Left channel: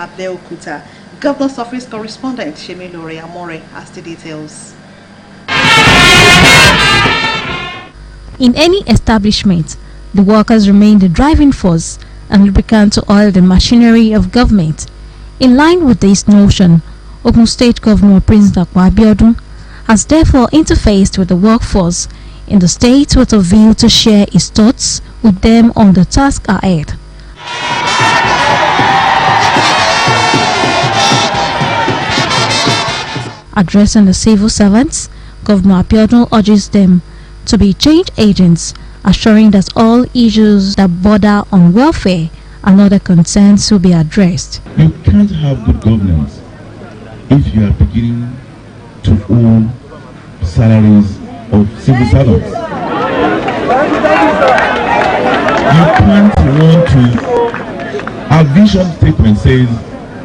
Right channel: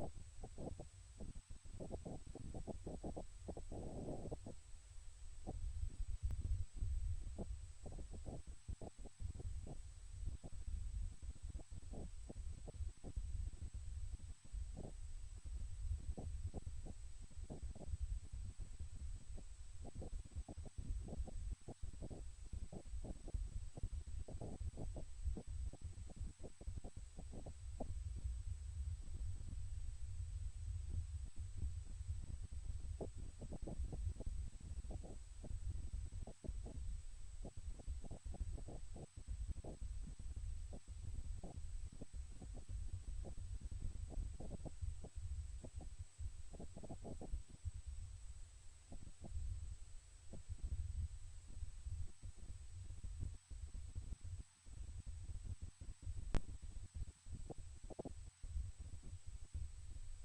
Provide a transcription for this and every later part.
Abeokuta. Governor's Office correspondent Shemilore Amore has the details. In any establishment, the workers remain the driving force and lubricant to oil the machinery of government. In line with this notion, Ogun State Governor Prince Dakwa Abiodun has therefore interfaced with the workforce in the state with a view to share his thoughts with them on the task ahead. Addressing the civil servants, Governor Abiodun urges them to be change agents, assuring that all issues that border on welfare and other concerns will be addressed. You can't have good governance if you are beginning to own salaries of civil servants. You can't want to. Our vision statement says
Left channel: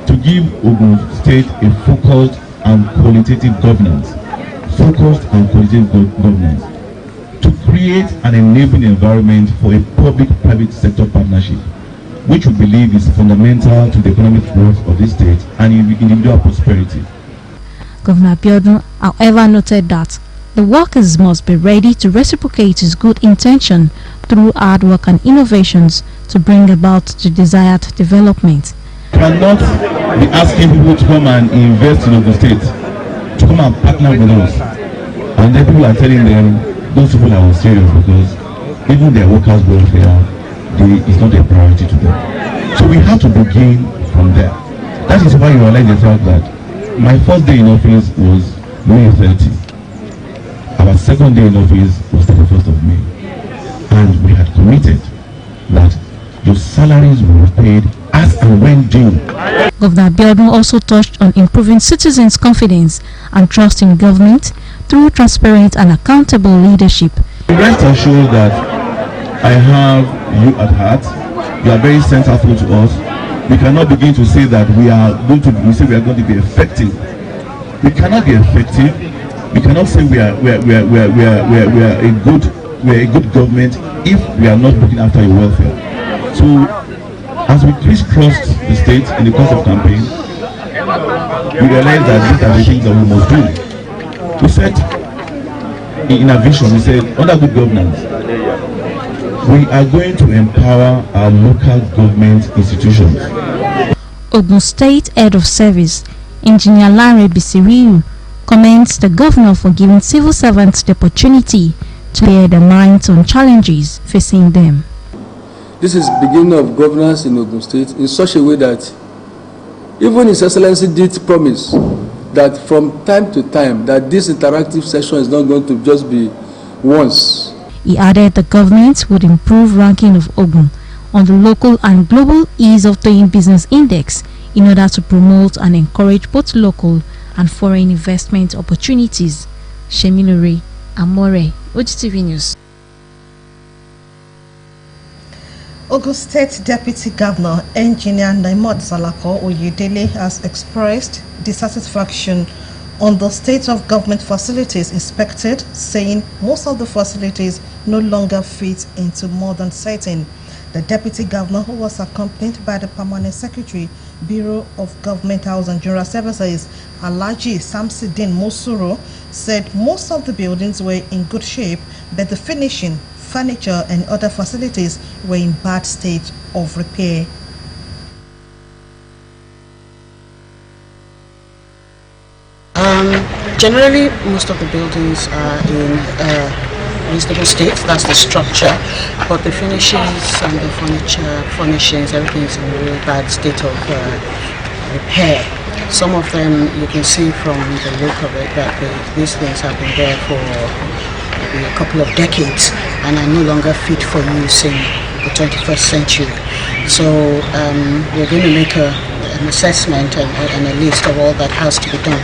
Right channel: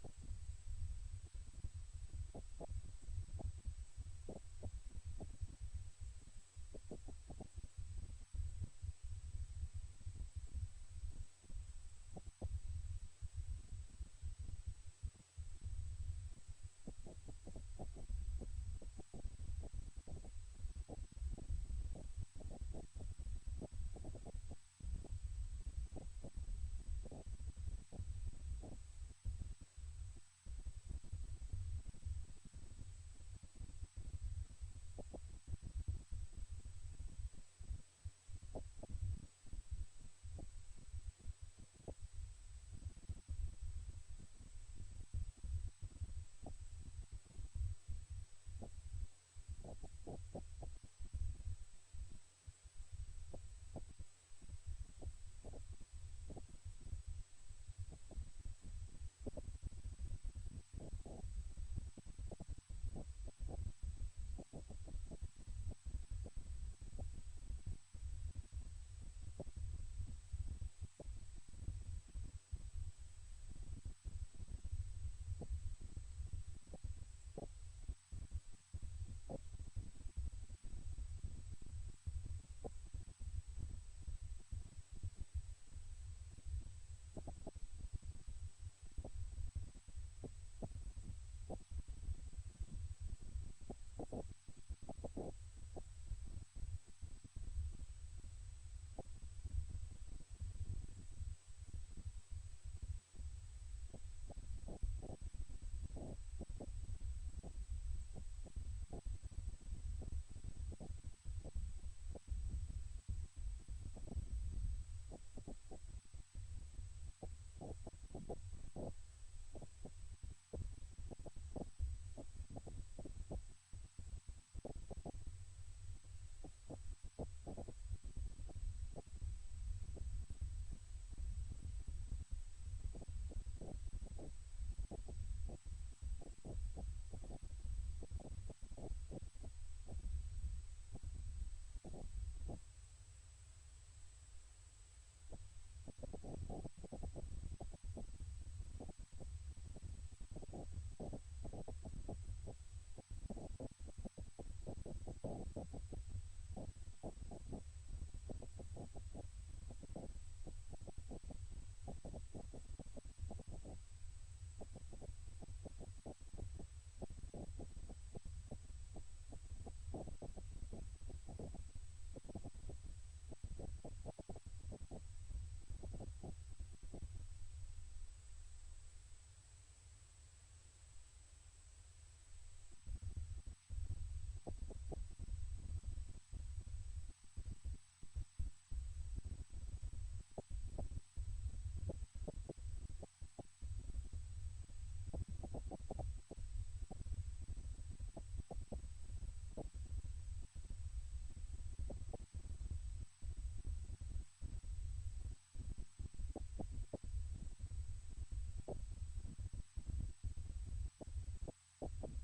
to give Ogun State a focused and qualitative governance. Focused and qualitative governance. To create an enabling environment for a public-private sector partnership, which we believe is fundamental to the economic growth of this state and individual prosperity. Governor Abiodun, however, noted that the workers must be ready to reciprocate his good intention through hard work and innovations to bring about the desired development. We cannot be asking people to come and invest in Ogun State, to come and partner with us, and then people are telling them those people are unserious because even their workers' welfare is not a priority to them. So we have to begin from there. That is why you realize the fact that my first day in office was May 30. Our second day in office was 31st of May. And we had committed that your salaries will be paid as and when due. Governor Abiodun also touched on improving citizens' confidence and trust in government through transparent and accountable leadership. Rest assured that I have you at heart. You are very centerful to us. We cannot begin to say that we are going to be effective. We cannot be effective. We cannot say we are a good government if we are not looking after your welfare. So as we crisscrossed the state in the course of campaign, we realized that these are the things that we must do. We said in our vision, we said under good governance, we are going to empower our local government institutions. Ogun State Head of Service, Engineer Lanre Bisiriu, commends the governor for giving civil servants the opportunity to clear their minds on challenges facing them. This is the beginning of governance in Ogun State in such a way that even His Excellency did promise that from time to time that this interactive session is not going to just be once. He added the government would improve ranking of Ogun on the local and global ease of doing business index in order to promote and encourage both local and foreign investment opportunities. Shemilore Amore, Ogtv News. Ogun State Deputy Governor Engineer Naimot Salako Oyedele has expressed dissatisfaction on the state of government facilities inspected, saying most of the facilities no longer fit into modern setting. The Deputy Governor, who was accompanied by the Permanent Secretary, Bureau of Government House and General Services, Alhaji Samsidin Mosuro, said most of the buildings were in good shape, but the finishing, furniture and other facilities were in bad state of repair. Generally, most of the buildings are in reasonable state. That's the structure, but the finishes and the furnishings, everything is in a really bad state of repair. Some of them you can see from the look of it that these things have been there for maybe a couple of decades and are no longer fit for use in the 21st century. So we're going to make an assessment and a list of all that has to be done.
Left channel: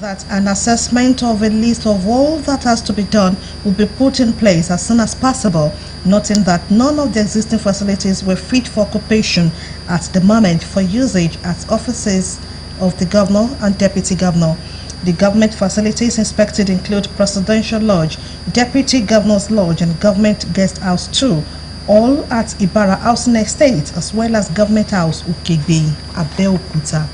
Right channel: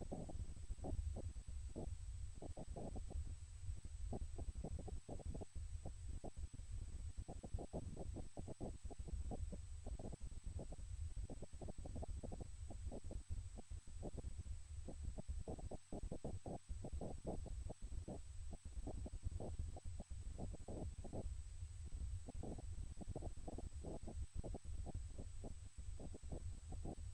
That an assessment of a list of all that has to be done will be put in place as soon as possible, noting that none of the existing facilities were fit for occupation at the moment for usage as offices of the governor and deputy governor. The government facilities inspected include Presidential Lodge, Deputy Governor's Lodge and Government Guest House 2, all at Ibara Housing Estate as well as Government House Ogtv, Abeokuta.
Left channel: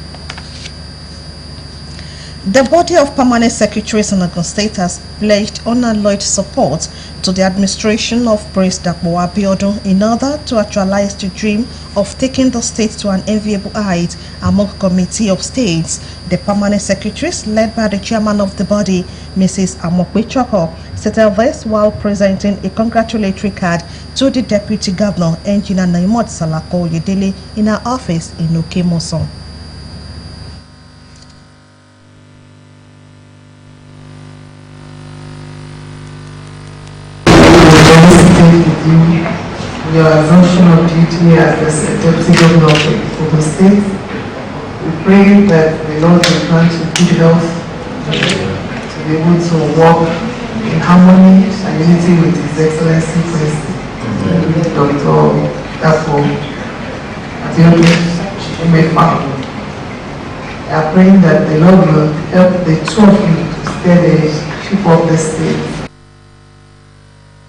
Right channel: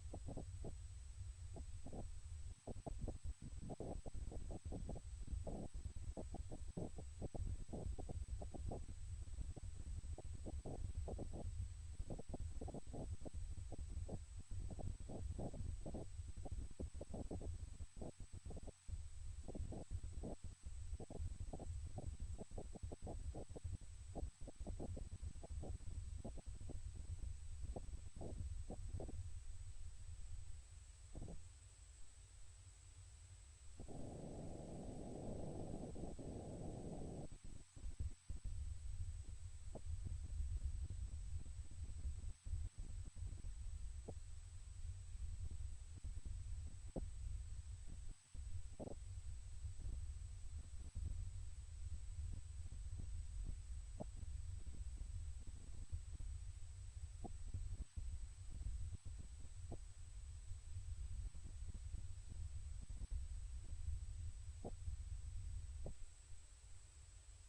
The body of permanent secretaries in Ogun State has pledged unalloyed support to the administration of Prince Dapo Abiodun in order to actualize the dream of taking the state to an enviable height among committee of states. The permanent secretaries, led by the chairman of the body, Mrs. Amokwe Choko, stated this while presenting a congratulatory card to the deputy governor, Engineer Naimot Salako Oyedele, in her office in Okemoson. Your assumption of duty as the deputy governor of the state. We pray that the Lord will grant you good health to be able to work in harmony and unity with His Excellency President Dr. Dapo Abiodun Umefa. We are praying that the Lord will help the two of you to stay the ship of the state.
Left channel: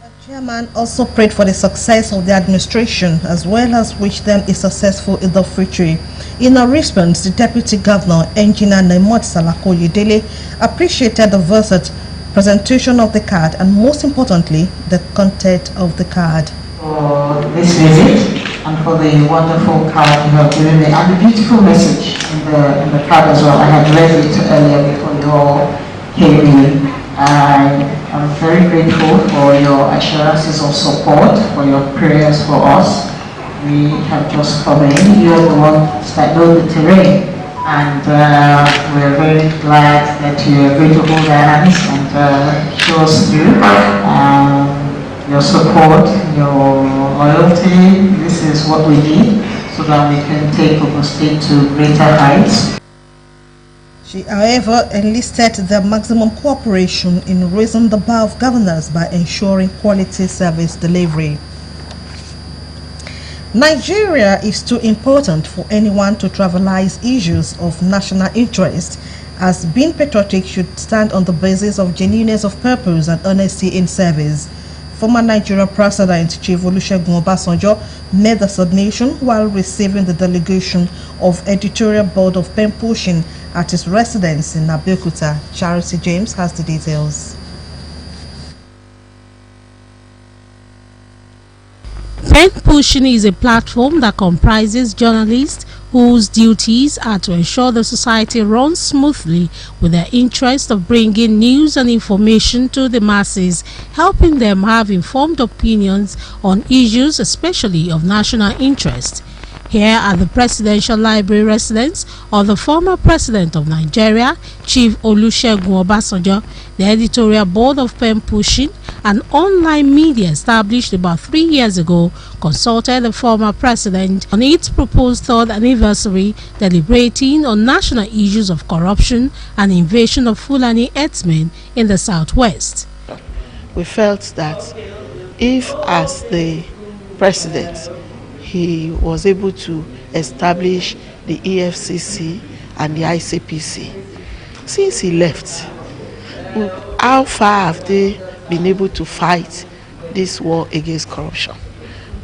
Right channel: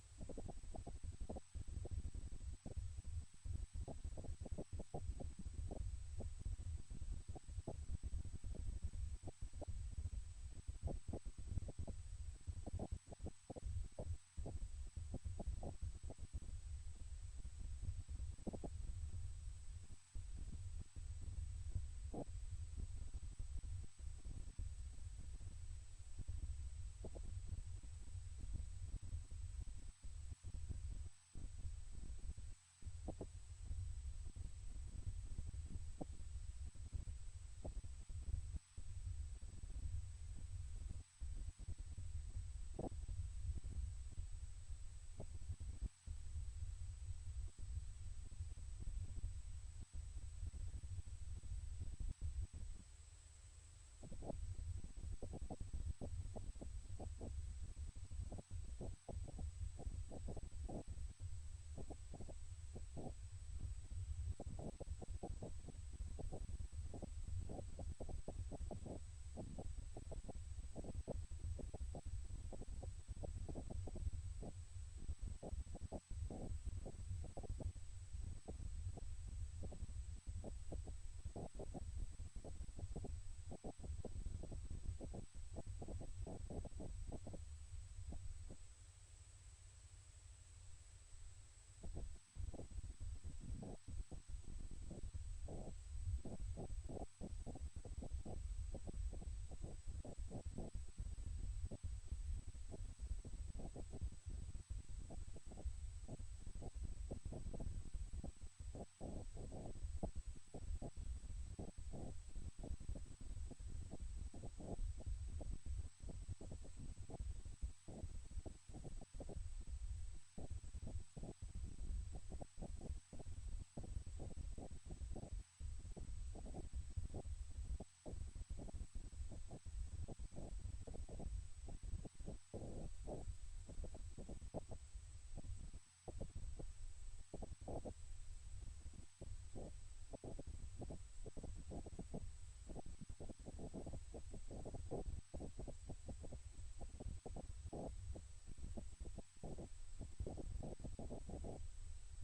The chairman also prayed for the success of the administration as well as wished them a successful in the future. In a response, the deputy governor, Engineer Naimot Salako Oyedele, appreciated the versatile presentation of the card and most importantly, the content of the card. For this visit and for the wonderful card you have given me and the beautiful message in the card as well. I had read it earlier before you all came in. I'm very grateful for your assurances of support, for your prayers for us. We have just come in. You're the ones that know the terrain, and we're very glad that you're going to hold our hands and show us through your support, your loyalty. This is what we need so that we can take Ogun State to greater heights. She, however, enlisted the maximum cooperation in raising the bar of governance by ensuring quality service delivery. Nigeria is too important for anyone to trivialize issues of national interest, as being patriotic should stand on the basis of genuineness of purpose and honesty in service. Former Nigerian President Chief Olusegun Obasanjo made the submission while receiving the delegation of editorial board of pen pushing at his residence in Abeokuta. Charity James has the details. Pen pushing is a platform that comprises journalists whose duties are to ensure the society runs smoothly with the interest of bringing news and information to the masses, helping them have informed opinions on issues especially of national interest. Here at the Presidential Library residence of the former President of Nigeria, Chief Olusegun Obasanjo, the editorial board of Pen Pushing, an online media established about 3 years ago, consulted the former president on its proposed third anniversary, deliberating on national issues of corruption and invasion of Fulani herdsmen in the southwest. We felt that if, as the president, he was able to establish the EFCC and the ICPC, since he left, how far have they been able to fight this war against corruption?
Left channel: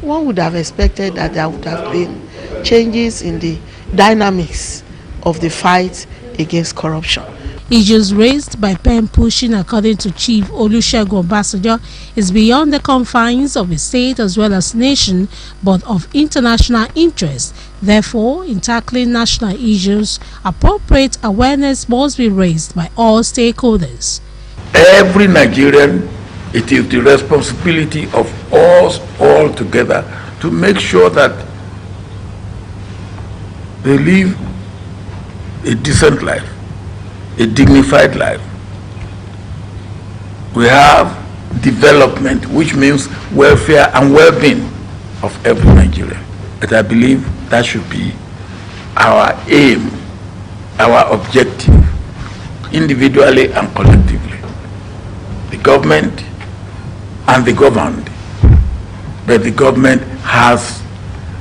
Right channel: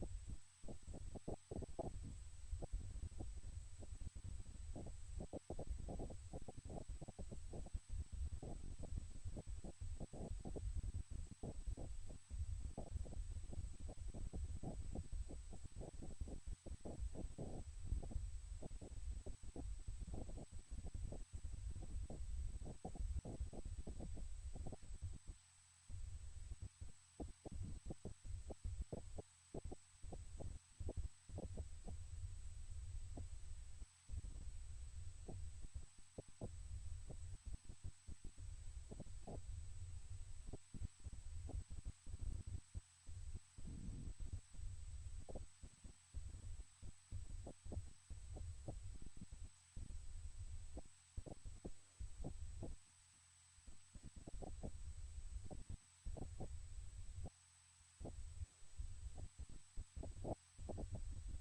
One would have expected that there would have been changes in the dynamics of the fight against corruption. Issues raised by pen pushing, according to Chief Olusegun Obasanjo, is beyond the confines of a state as well as nation, but of international interest. Therefore, in tackling national issues, appropriate awareness must be raised by all stakeholders. Every Nigerian, it is the responsibility of us all together to make sure that they live a decent life, a dignified life. We have development, which means welfare and well-being of every Nigerian. But I believe that should be our aim, our objective, individually and collectively. The government and the governed, but the government has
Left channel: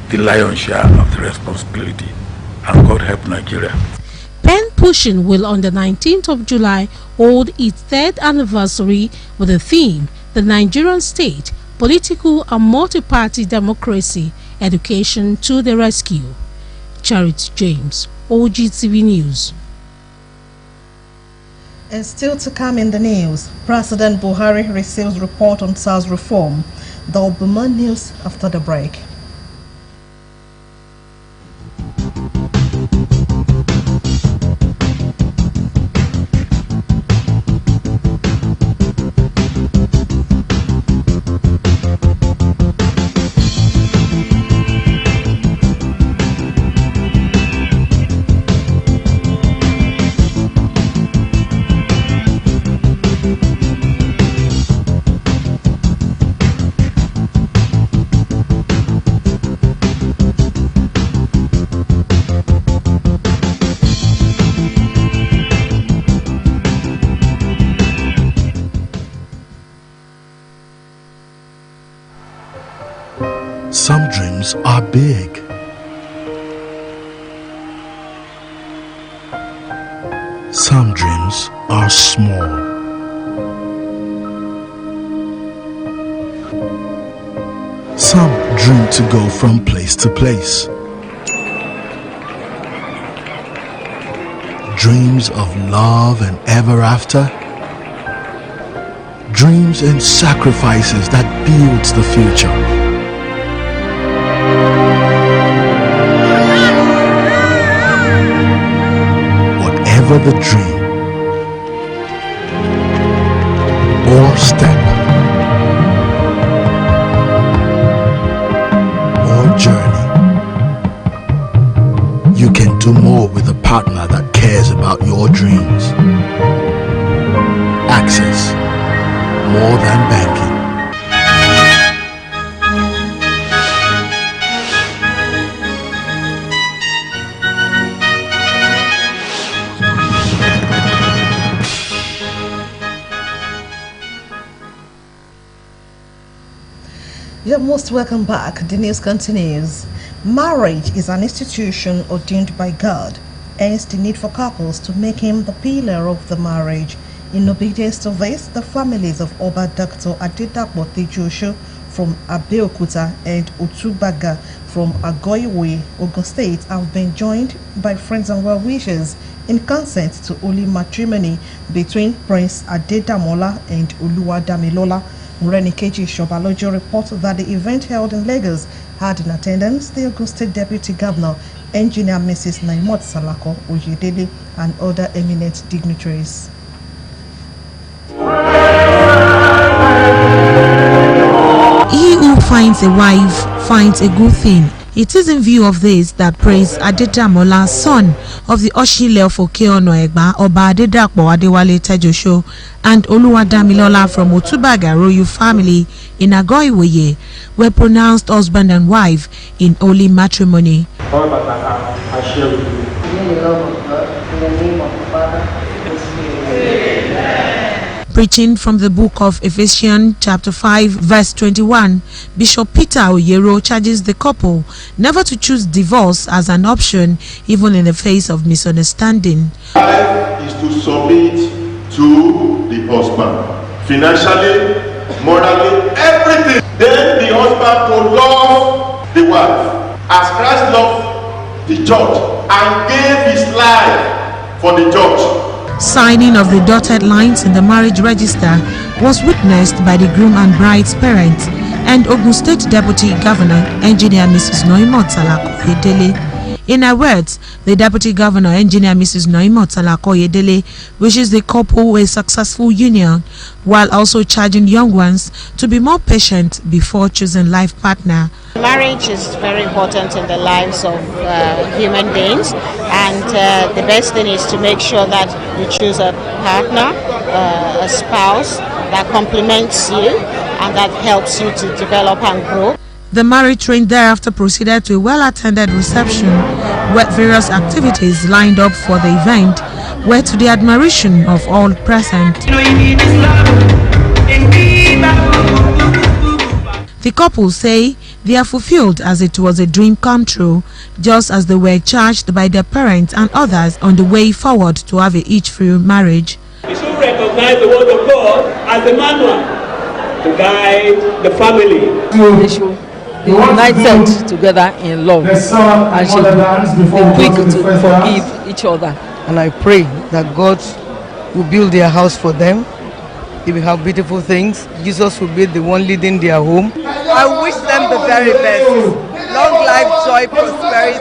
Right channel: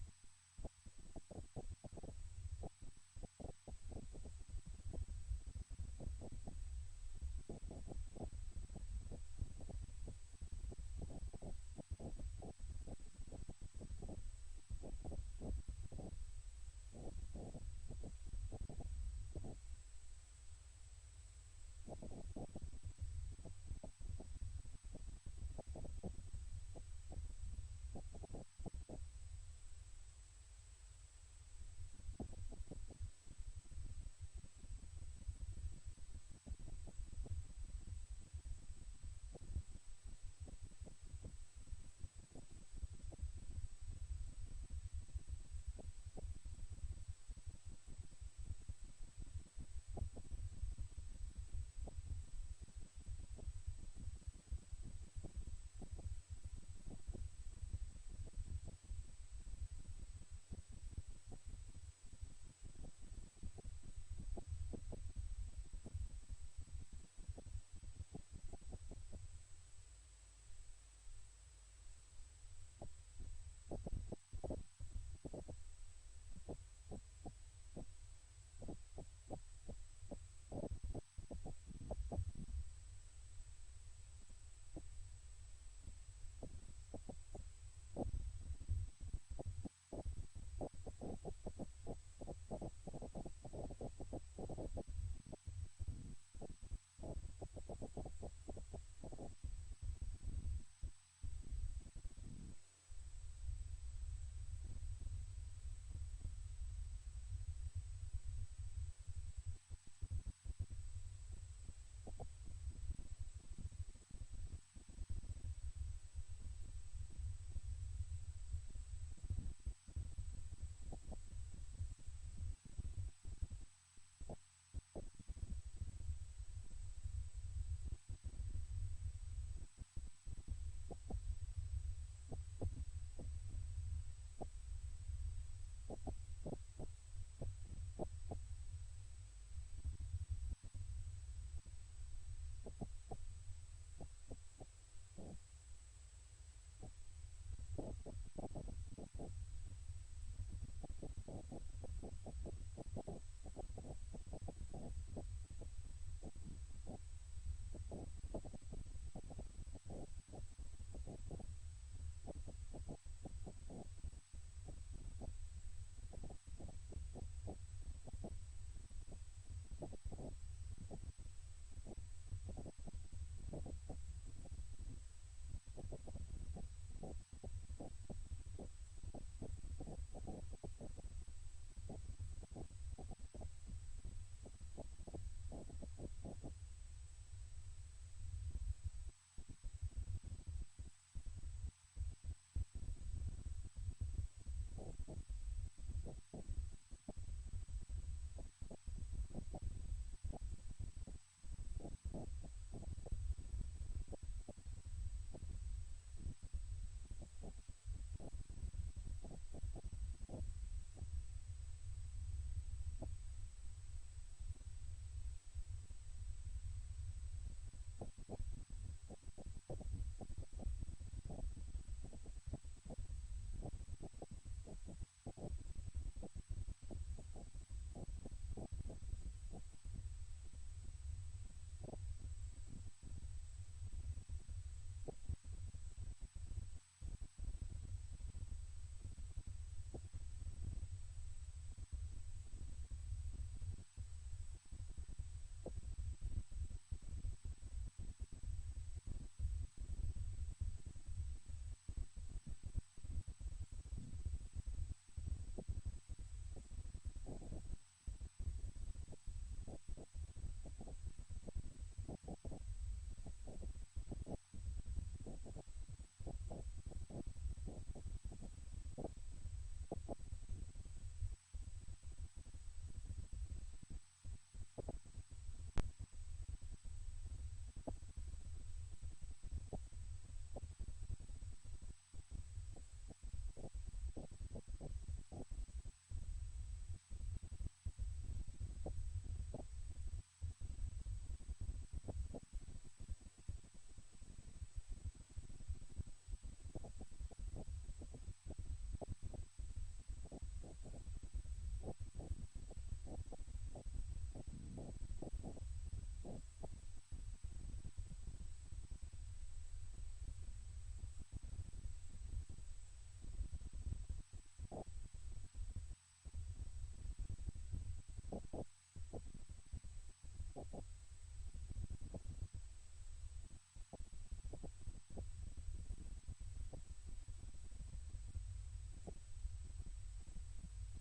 the lion's share of the responsibility, and God help Nigeria. Pen Pushing will on the 19th of July hold its third anniversary with the theme, The Nigerian State, political and multi-party democracy, education to the rescue. Charity James, Ogtv News. And still to come in the news, President Buhari receives report on SARS reform. There will be more news after the break. Some dreams are big. Some dreams are small. Some dream to go from place to place. Dreams of love and ever after. Dreams and sacrifices that builds the future. Whatever the dream or step or journey, you can do more with a partner that cares about your dreams. Access, more than banking. You're most welcome back. The news continues. Marriage is an institution ordained by God, hence the need for couples to make him the pillar of the marriage. In obedience to this, the families of Oba Dr. Adedapo Tejosho from Abeokuta and Otubaga from Agoiwe, Ogun State have been joined by friends and well-wishers in consent to holy matrimony between Prince Adedamola and Oluwadamilola. Renikeji Shobalojo reports that the event held in Lagos had in attendance the Ogun State Deputy Governor, Engineer Mrs. Naimot Salako Oyedele, and other eminent dignitaries. He who finds a wife finds a good thing. It is in view of this that Prince Adedamola, son of the Oshile of Okeono Egba, Oba Adedapo Adewale Tejosho, and Oluwadamilola from Otubaga royal family in Agoiweye were pronounced husband and wife in holy matrimony. All that I share with you. In the love of God, in the name of the Father, and the Spirit. Preaching from the book of Ephesians chapter 5 verse 21, Bishop Peter Oyero charges the couple never to choose divorce as an option even in the face of misunderstanding. Life is to submit to the husband, financially, morally, everything. Then the husband to love the wife as Christ loved the church and gave his life for the church. Signing of the dotted lines in the marriage register was witnessed by the groom and bride's parents and Ogun State Deputy Governor, Engineer Mrs. Noimot Salako Oyedele. In her words, the Deputy Governor, Engineer Mrs. Noimot Salako Oyedele, wishes the couple a successful union, while also charging young ones to be more patient before choosing life partner. Marriage is very important in the lives of human beings, and the best thing is to make sure that you choose a partner, a spouse that complements you and that helps you to develop and grow. The married train thereafter proceeded to a well-attended reception where various activities lined up for the event were to the admiration of all present. The couple say they are fulfilled as it was a dream come true, just as they were charged by their parents and others on the way forward to have a each-free marriage. You should recognize the word of God as a manual. to guide the family. They should be united together in love and should be quick to forgive each other. And I pray that God will build their house for them. They will have beautiful things. Jesus will be the one leading their home. I wish them the very best. Long life, joy, prosperity,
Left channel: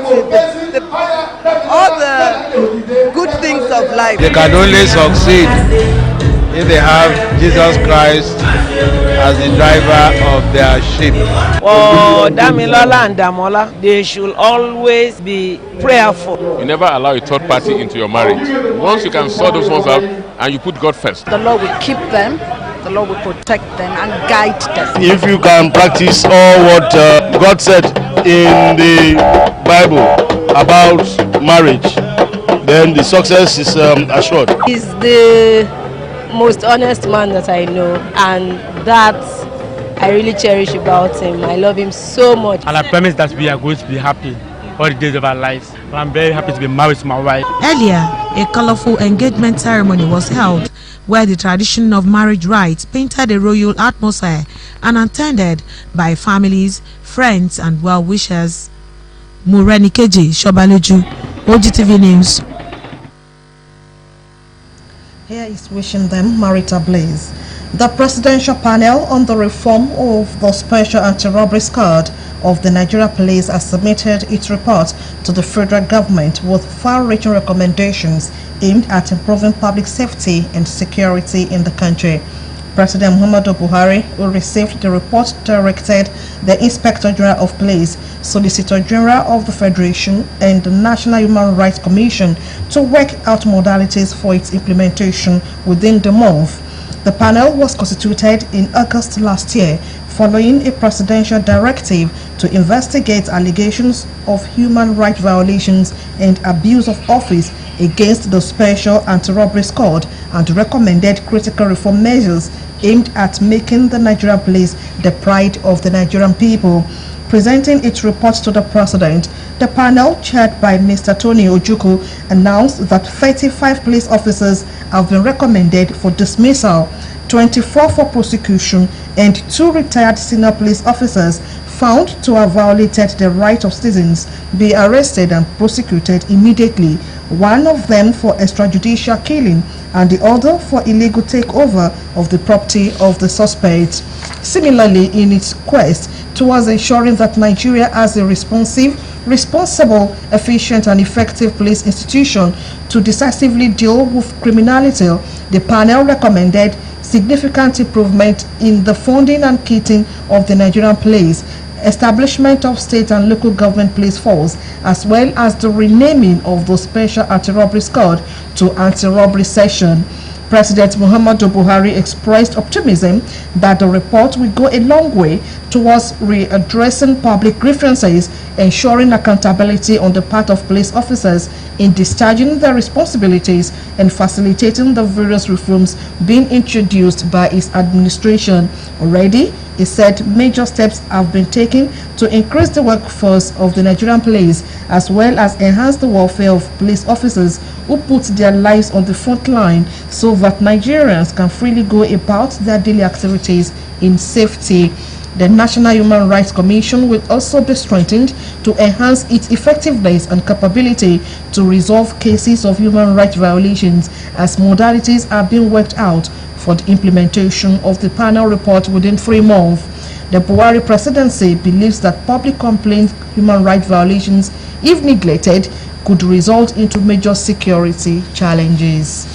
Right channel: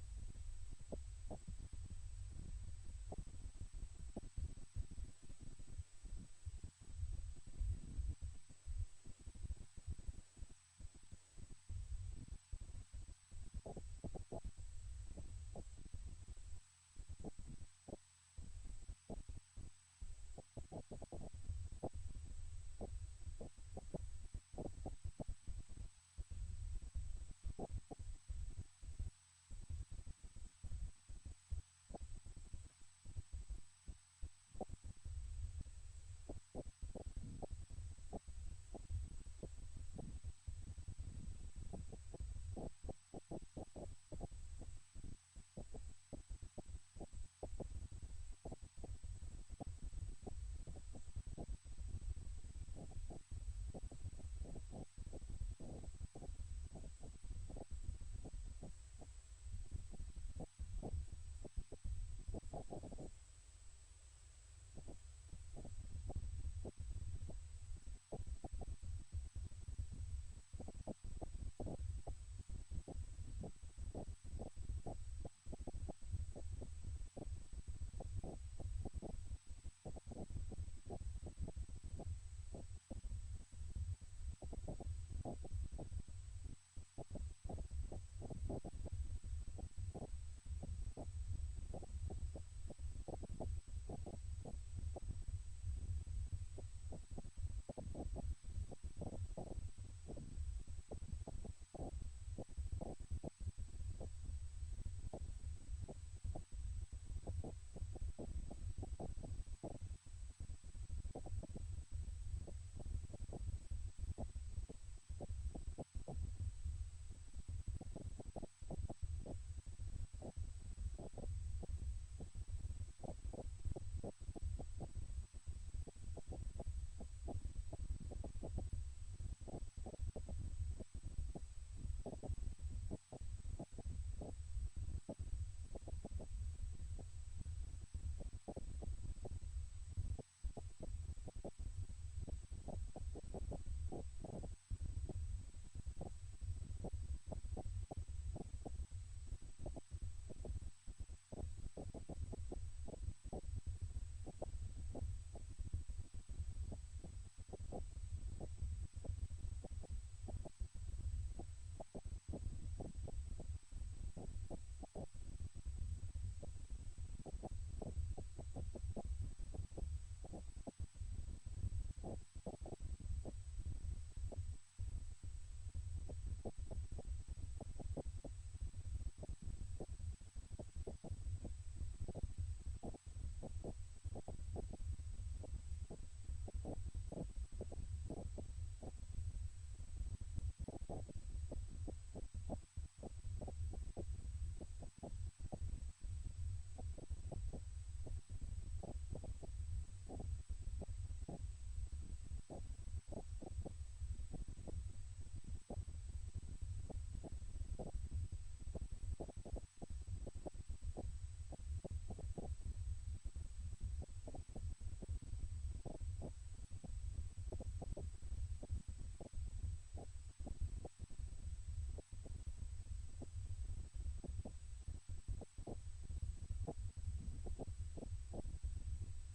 all the good things of life. They can only succeed if they have Jesus Christ as the driver of their ship. For Damilola and Damola, they should always be prayerful. You never allow a third party into your marriage. Once you can sort those ones out and you put God first, the Lord will keep them, the Lord will protect them and guide them. If you can practice all what God said in the Bible about marriage, then the success is assured. He's the most honest man that I know, and that I really cherish about him. I love him so much. And I promise that we are going to be happy all the days of our lives. I'm very happy to be married to my wife. Earlier, a colorful engagement ceremony was held where the tradition of marriage rites painted a royal atmosphere and attended by families, friends and well-wishers. Mureni Keji, Shobaleju, Ogtv News. Here is wishing them marital bliss. The Presidential Panel on the Reform of the Special Anti-Robbery Squad of the Nigeria Police has submitted its report to the federal government with far-reaching recommendations aimed at improving public safety and security in the country. President Muhammadu Buhari, who received the report, directed the Inspector General of Police, Solicitor General of the Federation, and the National Human Rights Commission to work out modalities for its implementation within the month. The panel was constituted in August last year following a presidential directive to investigate allegations of human rights violations and abuse of office against the Special Anti-Robbery Squad and recommended critical reform measures aimed at making the Nigerian police the pride of the Nigerian people. Presenting its report to the President, the panel, chaired by Mr. Tony Ojukwu, announced that 35 police officers have been recommended for dismissal, 24 for prosecution, and 2 retired senior police officers found to have violated the right of citizens be arrested and prosecuted immediately, one of them for extrajudicial killing and the other for illegal takeover of the property of the suspect. Similarly, in its quest towards ensuring that Nigeria has a responsible, efficient and effective police institution to decisively deal with criminality, the panel recommended significant improvement in the funding and kitting of the Nigerian police, establishment of state and local government police force, as well as the renaming of the Special Anti-Robbery Squad to Anti-Robbery Section. President Muhammadu Buhari expressed optimism that the report will go a long way towards readdressing public grievances, ensuring accountability on the part of police officers in discharging their responsibilities, and facilitating the various reforms being introduced by his administration. Already, he said major steps have been taken to increase the workforce of the Nigerian police, as well as enhance the welfare of police officers who put their lives on the front line so that Nigerians can freely go about their daily activities in safety. The National Human Rights Commission will also be strengthened to enhance its effectiveness and capability to resolve cases of human rights violations, as modalities are being worked out for the implementation of the panel report within 3 months. The Buhari presidency believes that public complaint human rights violations, if neglected, could result into major security challenges.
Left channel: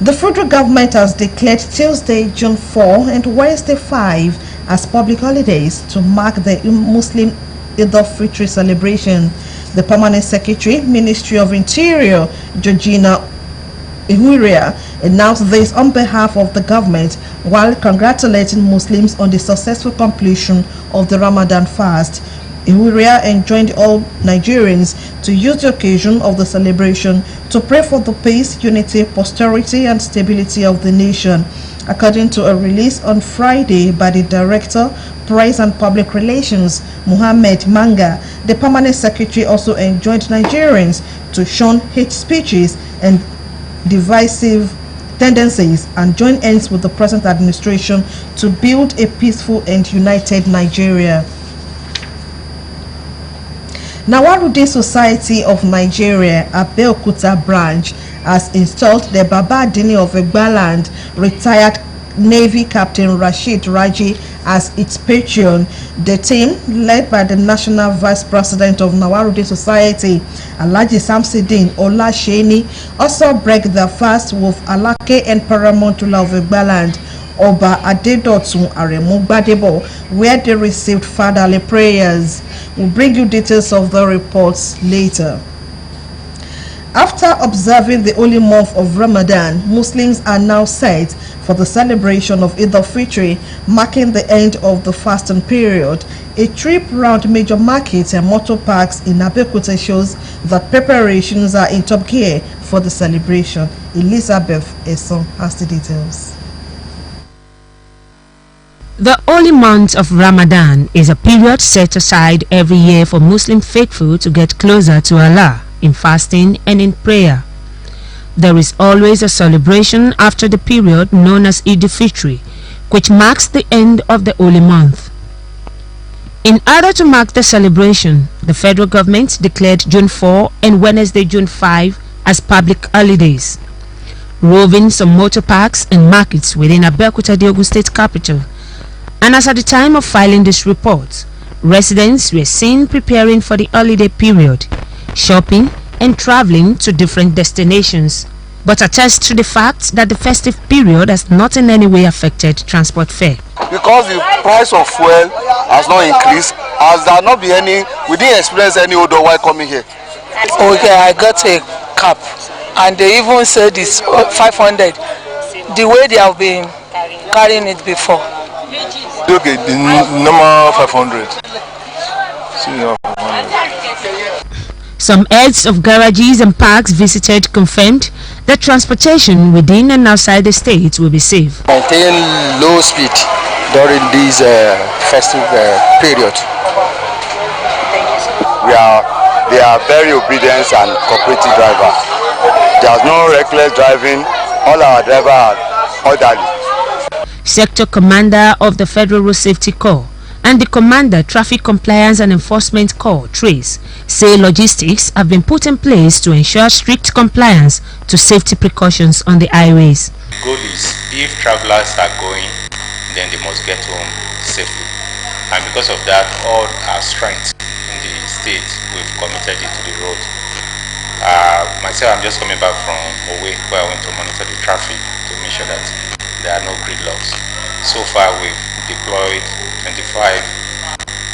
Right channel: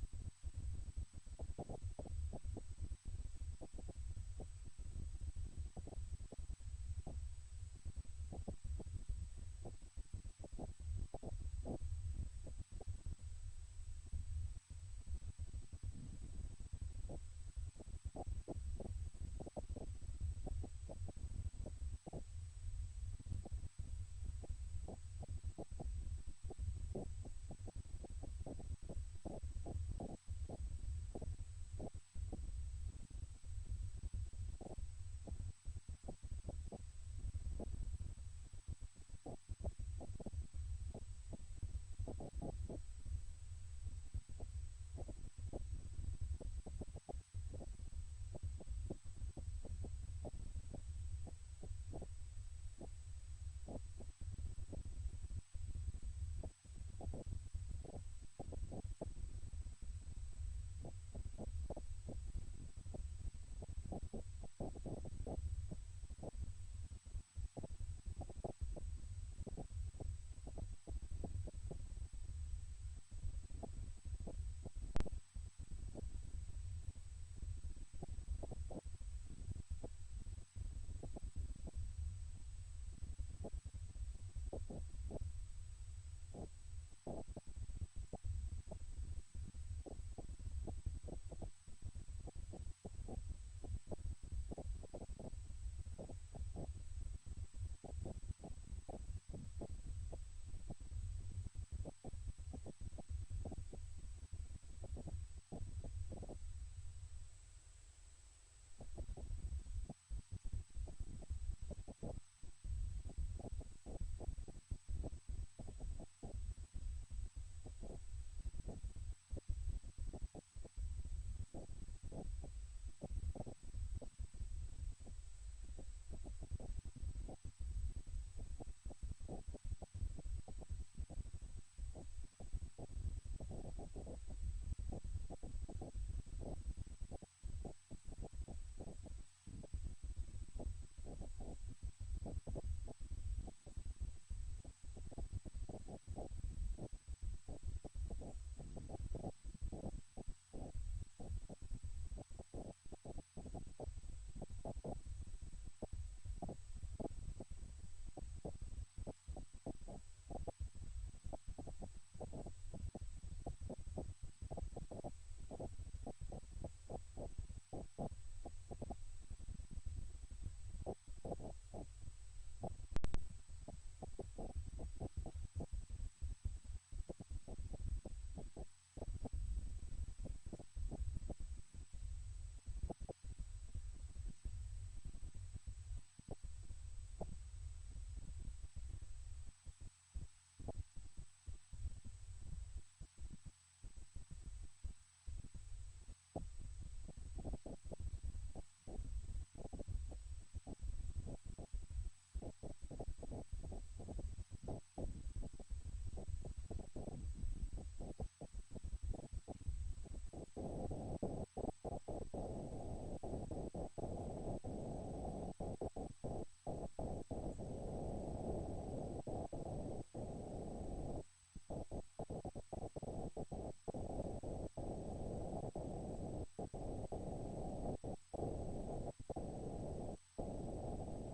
The federal government has declared Tuesday, June 4 and Wednesday 5 as public holidays to mark the Muslim Eid al-Fitr celebration. The Permanent Secretary, Ministry of Interior, Georgina Ihuria, announced this on behalf of the government while congratulating Muslims on the successful completion of the Ramadan fast. Ihuria enjoined all Nigerians to use the occasion of the celebration to pray for the peace, unity, prosperity and stability of the nation. According to a release on Friday by the Director, Press and Public Relations, Muhammad Manga, the Permanent Secretary also enjoined Nigerians to shun hate speeches and divisive tendencies and join hands with the present administration to build a peaceful and united Nigeria. Nawarude Society of Nigeria, Abeokuta branch, has installed the Baba Adini of Egbaland, retired Navy Captain Rashid Raji, as its patron. The team, led by the National Vice President of Nawarude Society, Alhaji Samsidin Olasheni, also break their fast with Alake and Paramountula of Egbaland, Oba Adedotun Aremu Gbadebo, where they received fatherly prayers. We'll bring you details of the reports later. After observing the holy month of Ramadan, Muslims are now set for the celebration of Eid al-Fitr, marking the end of the fasting period. A trip round major markets and motor parks in Abeokuta shows that preparations are in top gear for the celebration. Elizabeth Esson has the details. The holy month of Ramadan is a period set aside every year for Muslim faithful to get closer to Allah in fasting and in prayer. There is always a celebration after the period known as Eid al-Fitr, which marks the end of the holy month. In order to mark the celebration, the federal government declared June 4 and Wednesday, June 5 as public holidays. Roving some motor parks and markets within Abeokuta, the Ogun State capital, and as at the time of filing this report, residents were seen preparing for the holiday period, shopping and traveling to different destinations, but attest to the fact that the festive period has not in any way affected transport fare. Because the price of fuel has not increased, as there not be any, we didn't experience any odor while coming here. Okay, I got a cap and they even said it's 500, the way they have been carrying it before. Okay, the normal 500. Some heads of garages and parks visited confirmed that transportation within and outside the state will be safe. Maintain low speed during this festive period. They are very obedient and cooperative drivers. There's no reckless driving. All our drivers are orderly. Sector Commander of the Federal Road Safety Corps and the Commander Traffic Compliance and Enforcement Corps, TRACE, say logistics have been put in place to ensure strict compliance to safety precautions on the highways. Goal is, if travelers are going, then they must get home safely. And because of that, all our strength in the state, we've committed it to the road. Myself, I'm just coming back from Owe, where I went to monitor the traffic to make sure that there are no gridlocks. So far, we've deployed 25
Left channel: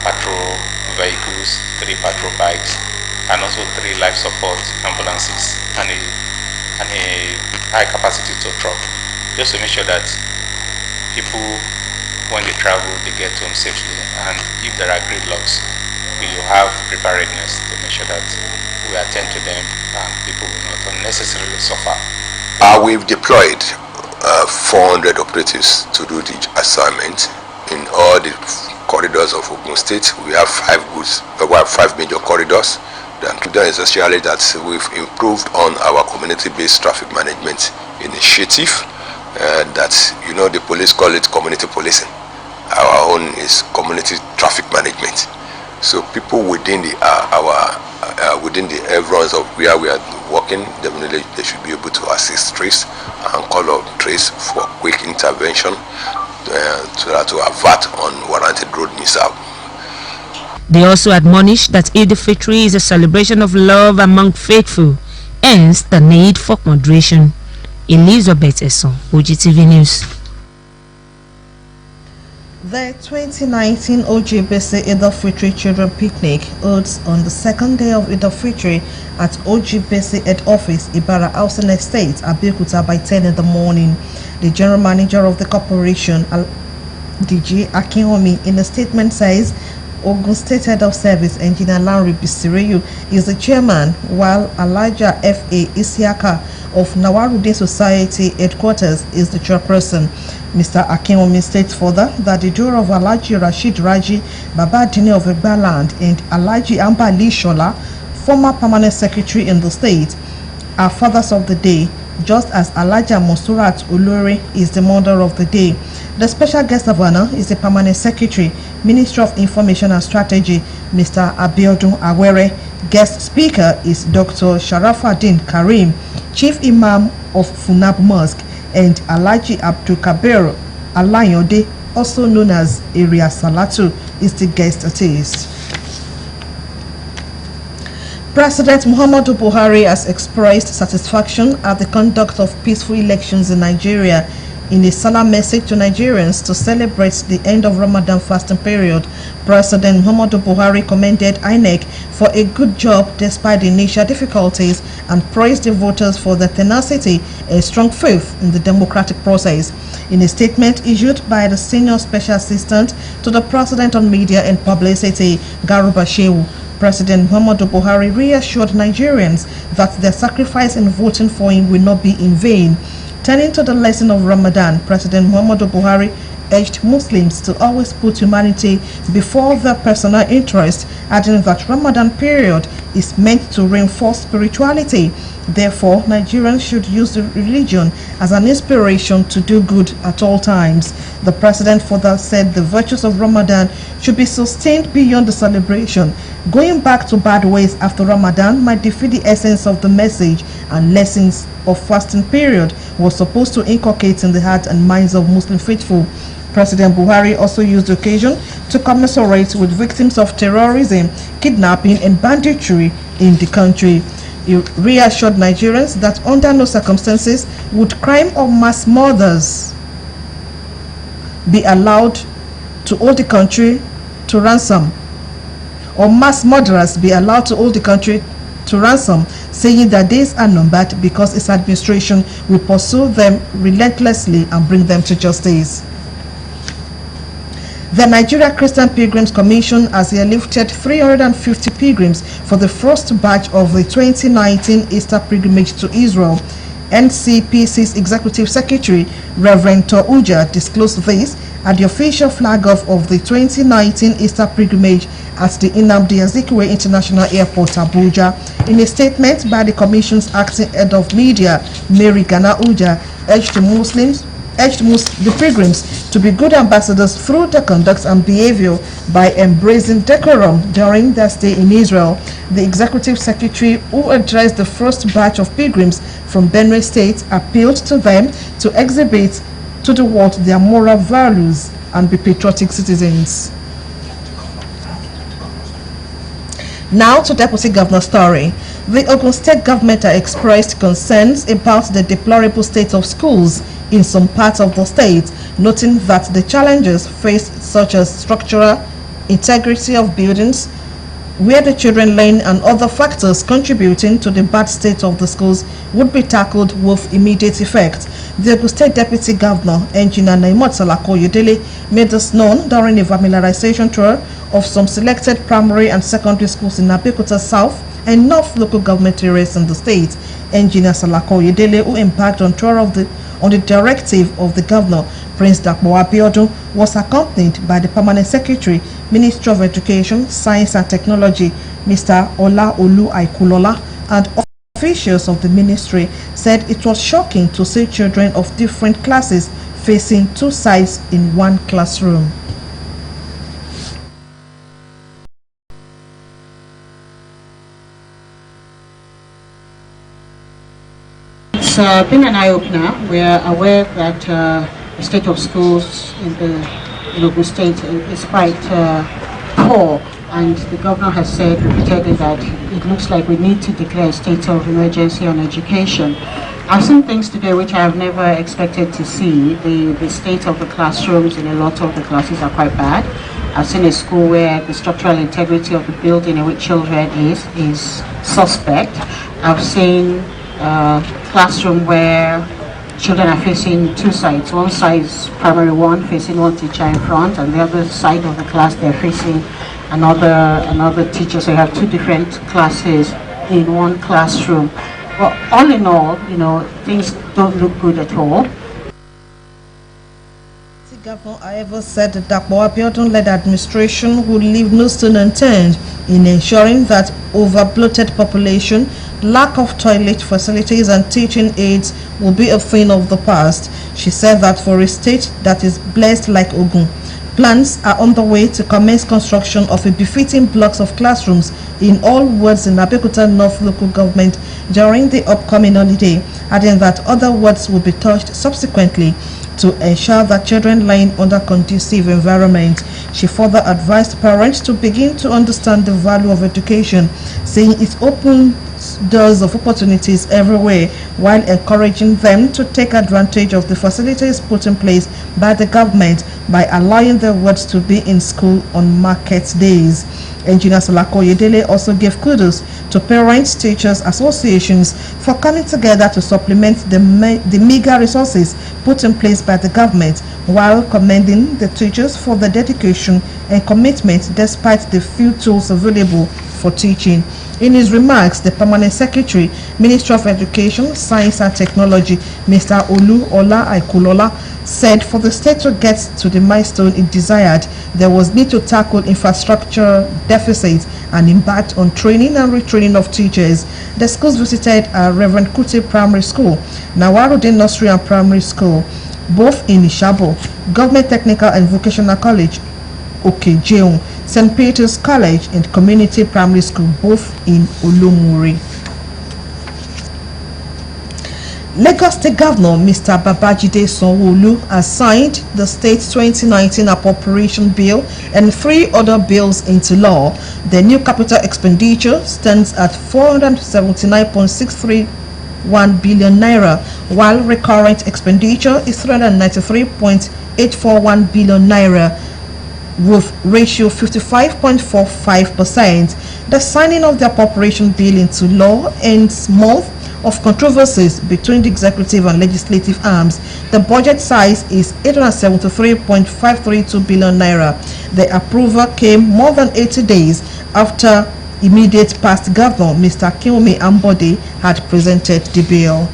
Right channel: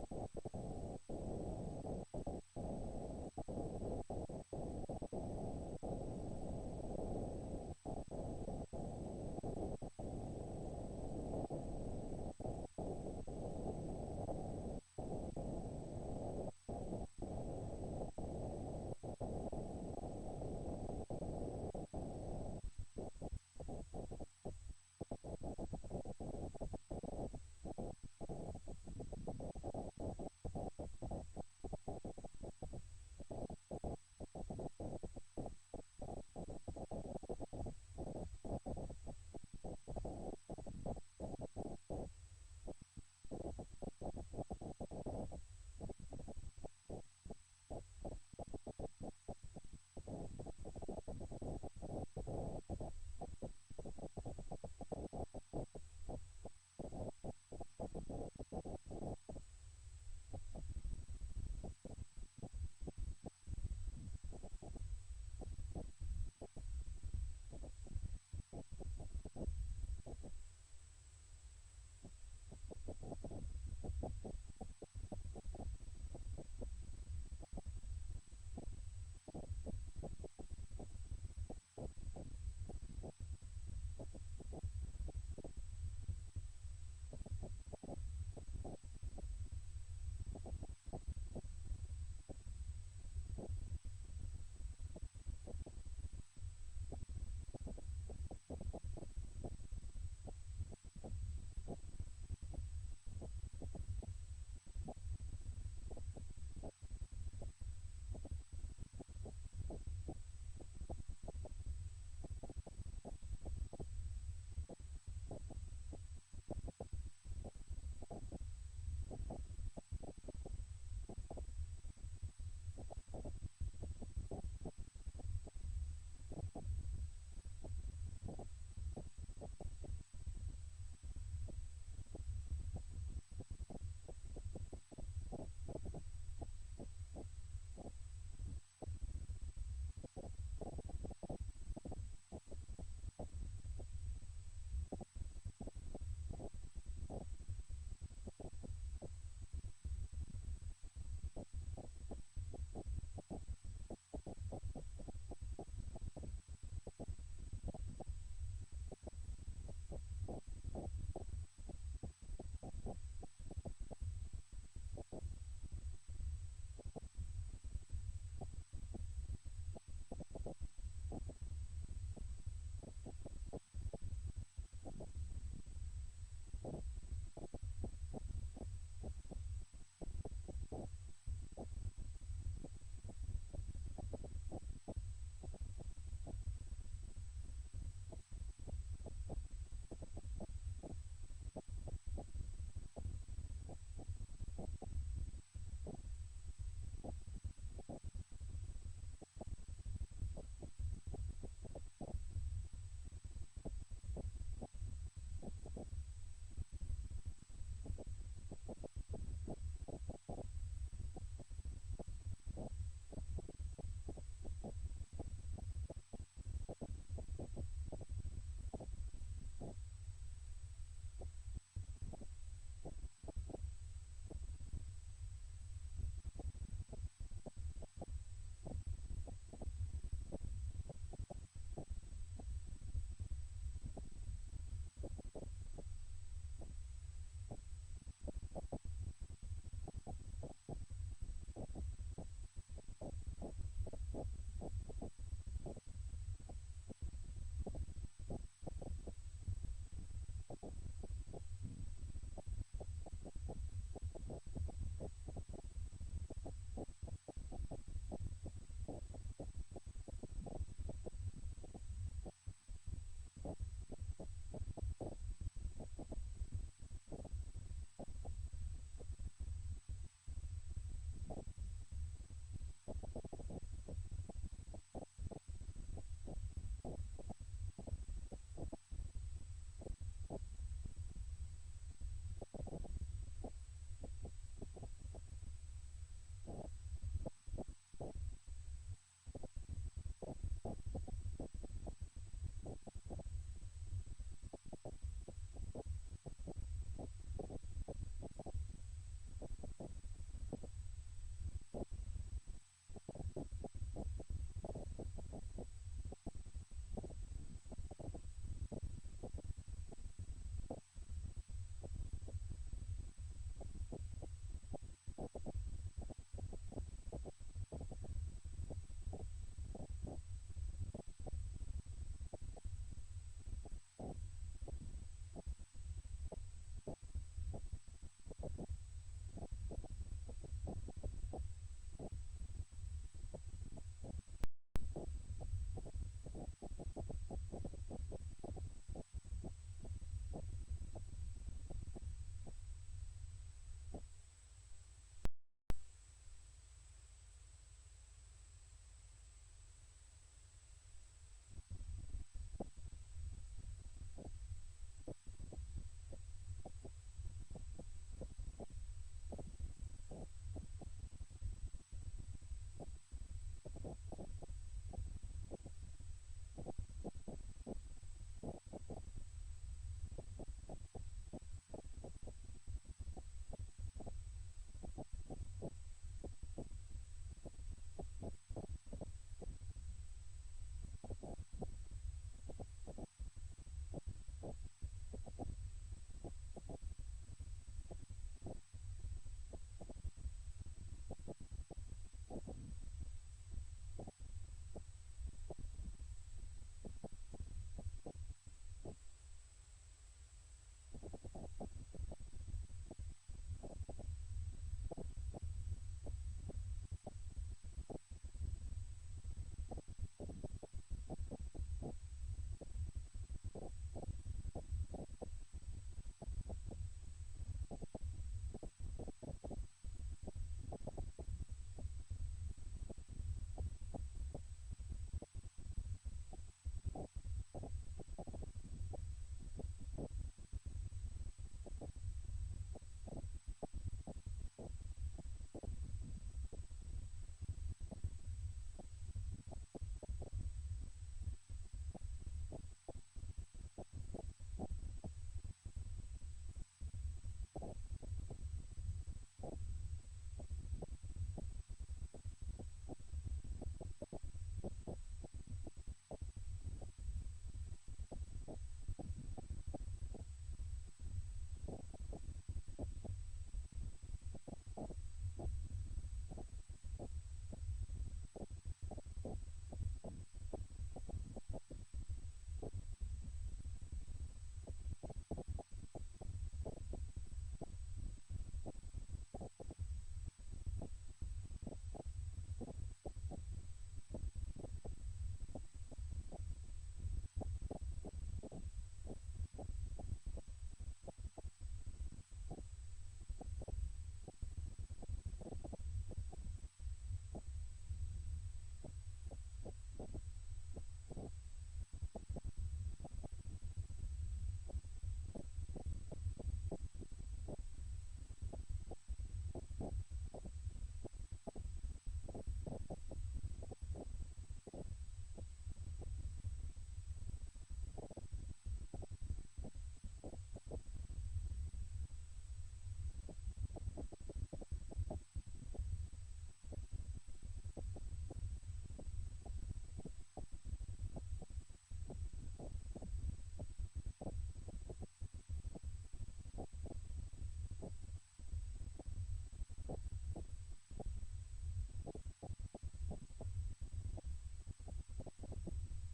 patrol vehicles, 3 patrol bikes, and also 3 life support ambulances and a high-capacity tow truck, just to make sure that people, when they travel, they get home safely. And if there are gridlocks, we will have preparedness to make sure that we attend to them and people will not unnecessarily suffer. We've deployed 400 operatives to do the assignment in all the corridors of Ogun State. We have 5 major corridors. The essentially that we've improved on our community-based traffic management initiative. That the police call it community policing. Our own is community traffic management. So people within the within the areas of where we are working, definitely they should be able to assist trace and call out trace for quick intervention to avert unwarranted road mishap. They also admonished that Eid al-Fitr is a celebration of love among faithful, hence the need for moderation. Elizabeth Esson, Ogtv News. The 2019 OGBC Eid al-Fitr Children Picnic holds on the second day of Eid al-Fitr at OGBC Head Office, Ibara Housing Estate, Abeokuta by 10 in the morning. The General Manager of the corporation, DG Akinwumi, in a statement says Ogun State Head of Service Engineer Larry Bisireyu is the chairman, while Elijah F.A. Isiaka of Nawarude Society Headquarters is the chairperson. Mr. Akinwumi states further that the duo of Alhaji Rashid Raji, Baba Adini of Egbaland, and Alhaji Ambali Shola, former permanent secretary in the state, are fathers of the day, just as Alaja Monsurat Olore is the mother of the day. The special guest of honor is the Permanent Secretary, Minister of Information and Strategy, Mr. Abiodun Awere. Guest speaker is Dr. Sharafaddin Karim, Chief Imam of Funab Mosque, and Alhaji Abdul Kabir Alayode, also known as Area Salatu, is the guest artist. President Muhammadu Buhari has expressed satisfaction at the conduct of peaceful elections in Nigeria. In a solemn message to Nigerians to celebrate the end of Ramadan fasting period, President Muhammadu Buhari commended INEC for a good job despite the initial difficulties and praised the voters for their tenacity and strong faith in the democratic process. In a statement issued by the Senior Special Assistant to the President on Media and Publicity, Garuba Shehu, President Muhammadu Buhari reassured Nigerians that their sacrifice in voting for him will not be in vain. Turning to the lesson of Ramadan, President Muhammadu Buhari urged Muslims to always put humanity before their personal interest, adding that Ramadan period is meant to reinforce spirituality. Therefore, Nigerians should use the religion as an inspiration to do good at all times. The president further said the virtues of Ramadan should be sustained beyond the celebration. Going back to bad ways after Ramadan might defeat the essence of the message and lessons of fasting period was supposed to inculcate in the hearts and minds of Muslim faithful. President Buhari also used the occasion to commiserate with victims of terrorism, kidnapping and banditry in the country. He reassured Nigerians that under no circumstances would crime or mass murders be allowed to hold the country to ransom, or mass murderers be allowed to hold the country to ransom, saying that days are numbered because his administration will pursue them relentlessly and bring them to justice. The Nigeria Christian Pilgrims Commission has airlifted 350 pilgrims for the first batch of the 2019 Easter pilgrimage to Israel. NCPC's Executive Secretary, Reverend Touja, disclosed this at the official flag-off of the 2019 Easter pilgrimage at the Nnamdi Azikiwe International Airport, Abuja. In a statement by the Commission's acting head of media, Mary Gana Uja, urged the pilgrims to be good ambassadors through their conduct and behavior by embracing decorum during their stay in Israel. The Executive Secretary, who addressed the first batch of pilgrims from Benue State, appealed to them to exhibit to the world their moral values and be patriotic citizens. Now to Deputy Governor's story. The Ogun State government has expressed concerns about the deplorable state of schools in some parts of the state, noting that the challenges faced, such as structural integrity of buildings, where the children learn, and other factors contributing to the bad state of the schools, would be tackled with immediate effect. The Ogun State Deputy Governor, Engineer Naimot Salako-Yedele, made this known during a familiarization tour of some selected primary and secondary schools in Abeokuta South and North local government areas in the state. Engineer Salako-Yedele, who embarked on tour on the directive of the governor, Prince Dapo Abiodun, was accompanied by the Permanent Secretary, Minister of Education, Science and Technology, Mr. Ola Olu Aikulola, and officials of the ministry said it was shocking to see children of different classes facing two sides in one classroom. It's been an eye-opener. We are aware that the state of schools in the Ogun State is quite poor, and the governor has said repeatedly that it looks like we need to declare a state of emergency on education. I've seen things today which I have never expected to see. The state of the classrooms in a lot of the classes are quite bad. I've seen a school where the structural integrity of the building in which children is suspect. I've seen classroom where children are facing two sides. One side is primary one, facing one teacher in front, and the other side of the class they're facing another teacher. So you have two different classes in one classroom. But all in all, things don't look good at all. The governor, however, said that Dapo Abiodun-led administration would leave no stone unturned in ensuring that over-bloated population lack of toilet facilities and teaching aids will be a thing of the past. She said that for a state that is blessed like Ogun, plans are on the way to commence construction of a befitting blocks of classrooms in all wards in Abeokuta North local government during the upcoming holiday, adding that other wards will be touched subsequently to ensure that children learn under conducive environment. She further advised parents to begin to understand the value of education, saying it opens doors of opportunities everywhere, while encouraging them to take advantage of the facilities put in place by the government by allowing their wards to be in school on market days. Engineer Salako Oyedele also gave kudos to parents, teachers, associations for coming together to supplement the meager resources put in place by the government, while commending the teachers for their dedication and commitment despite the few tools available for teaching. In his remarks, the Permanent Secretary, Ministry of Education, Science and Technology, Mr. Olu Ola Aikulola, said for the state to get to the milestone it desired, there was need to tackle infrastructure deficits and impact on training and retraining of teachers. The schools visited are Reverend Kuti Primary School, Nawarudin Nursery and Primary School, both in Ishabo, Government Technical and Vocational College, Okejeun, St. Peter's College and Community Primary School, both in Olomuri. Lagos State Governor Mr. Babajide Sanwo-Olu has signed the state's 2019 appropriation bill and 3 other bills into law. The new capital expenditure stands at 479.631 billion naira, while recurrent expenditure is 393.841 billion naira, with ratio 55.45%. The signing of the appropriation bill into law ends month of controversies between the executive and legislative arms. The budget size is 873.532 billion naira. The approval came more than 80 days after immediate past governor Mr. Kiyomi Ambode had presented the bill.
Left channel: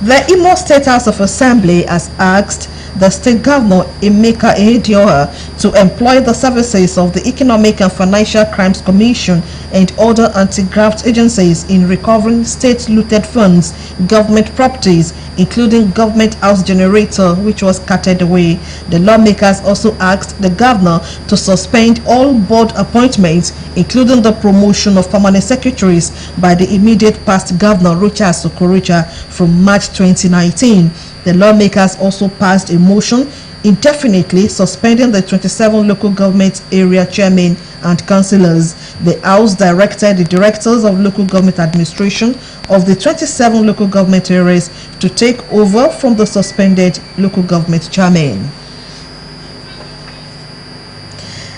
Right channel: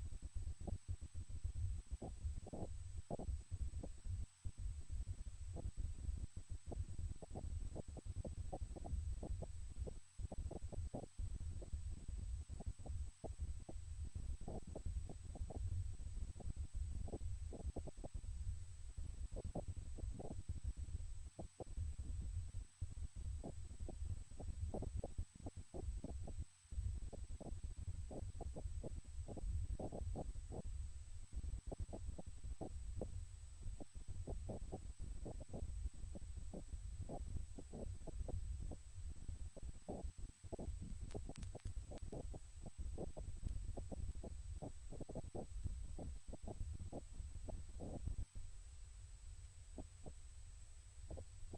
The Imo State House of Assembly has asked the state governor Emeka Ehedioha to employ the services of the Economic and Financial Crimes Commission and other anti-graft agencies in recovering state looted funds, government properties, including government house generator, which was carted away. The lawmakers also asked the governor to suspend all board appointments, including the promotion of permanent secretaries by the immediate past governor Rocha Sokorocha from March 2019. The lawmakers also passed a motion indefinitely suspending the 27 local government area chairmen and councillors. The House directed the directors of local government administration of the 27 local government areas to take over from the suspended local government chairmen.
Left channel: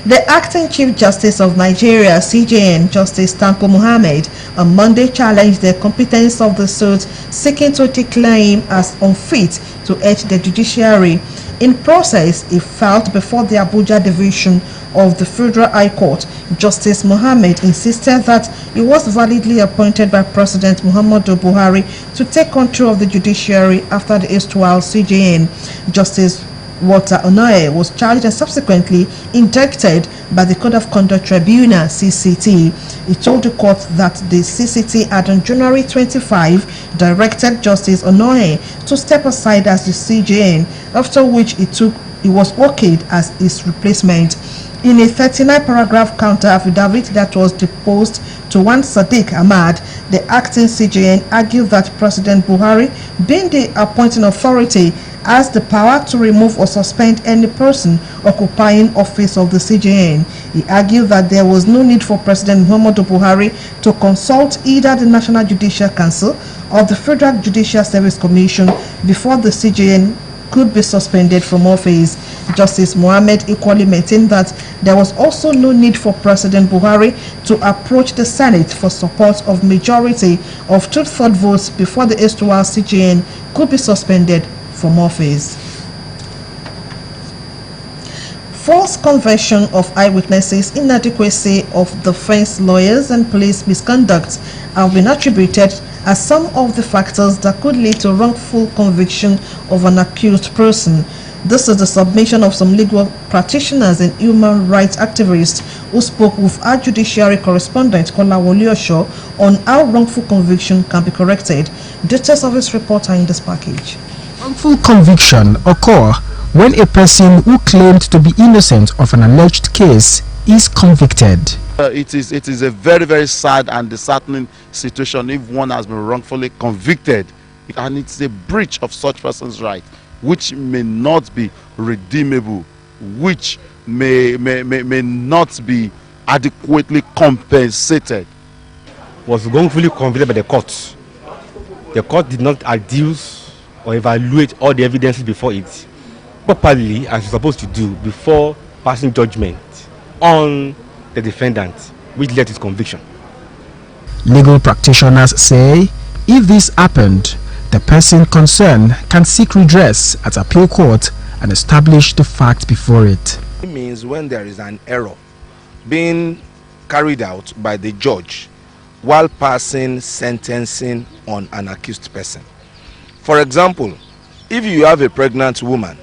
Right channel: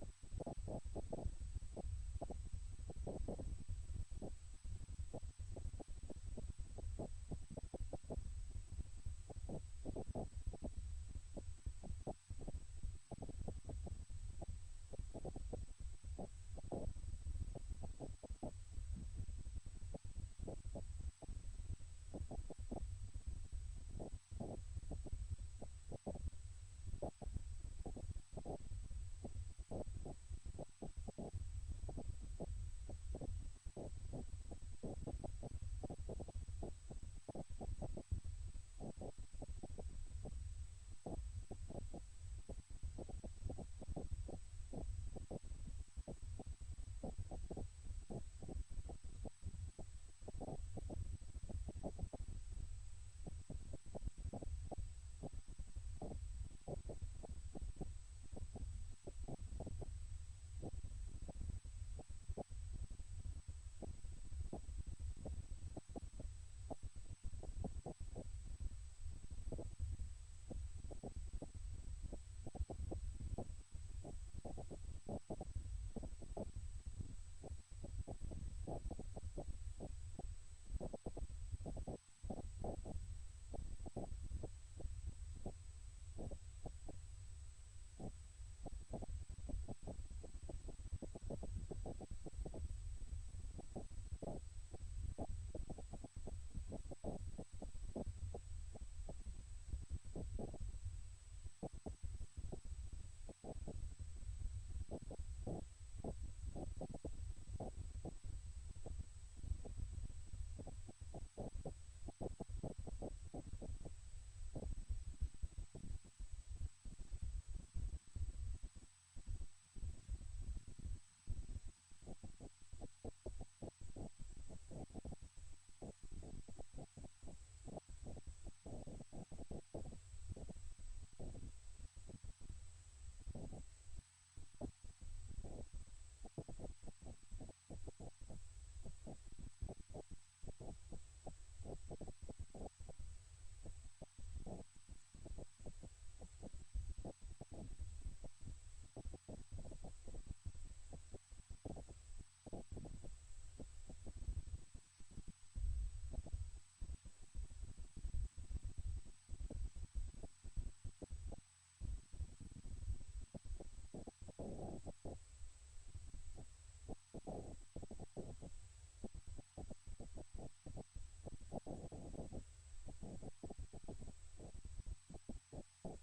The acting Chief Justice of Nigeria, CJN, Justice Tanko Muhammad, on Monday challenged the competence of the suit seeking to declare him as unfit to head the judiciary. In process, he filed before the Abuja Division of the Federal High Court. Justice Muhammad insisted that he was validly appointed by President Muhammadu Buhari to take control of the judiciary after the erstwhile CJN. Justice Walter Onoye was charged and subsequently indicted by the Code of Conduct Tribunal, CCT. He told the court that the CCT had on January 25 directed Justice Onoye to step aside as the CJN, after which he was okayed as his replacement. In a 39-paragraph counter affidavit that was deposed to one Sadiq Ahmad, the acting CJN argued that President Buhari, being the appointing authority, has the power to remove or suspend any person occupying office of the CJN. He argued that there was no need for President Muhammadu Buhari to consult either the National Judicial Council or the Federal Judicial Service Commission before the CJN could be suspended from office. Justice Mohammed equally maintained that there was also no need for President Buhari to approach the Senate for support of majority of 2/3 votes before the erstwhile CJN could be suspended from office. False conversion of eyewitnesses, inadequacy of defense lawyers, and police misconduct have been attributed as some of the factors that could lead to wrongful conviction of an accused person. This is the submission of some legal practitioners and human rights activists who spoke with our judiciary correspondent Kolawole Osho on how wrongful conviction can be corrected. Details of this report are in this package. Wrongful conviction occur when a person who claimed to be innocent of an alleged case is convicted. It is a very, very sad and disheartening situation if one has been wrongfully convicted, and it's a breach of such person's right, which may not be redeemable, which may not be adequately compensated. Was wrongfully convicted by the court. The court did not adduce or evaluate all the evidences before it properly, as it's supposed to do, before passing judgment on the defendant, which led to his conviction. Legal practitioners say if this happened, the person concerned can seek redress at appeal court and establish the fact before it. It means when there is an error being carried out by the judge while passing sentencing on an accused person. For example, if you have a pregnant woman,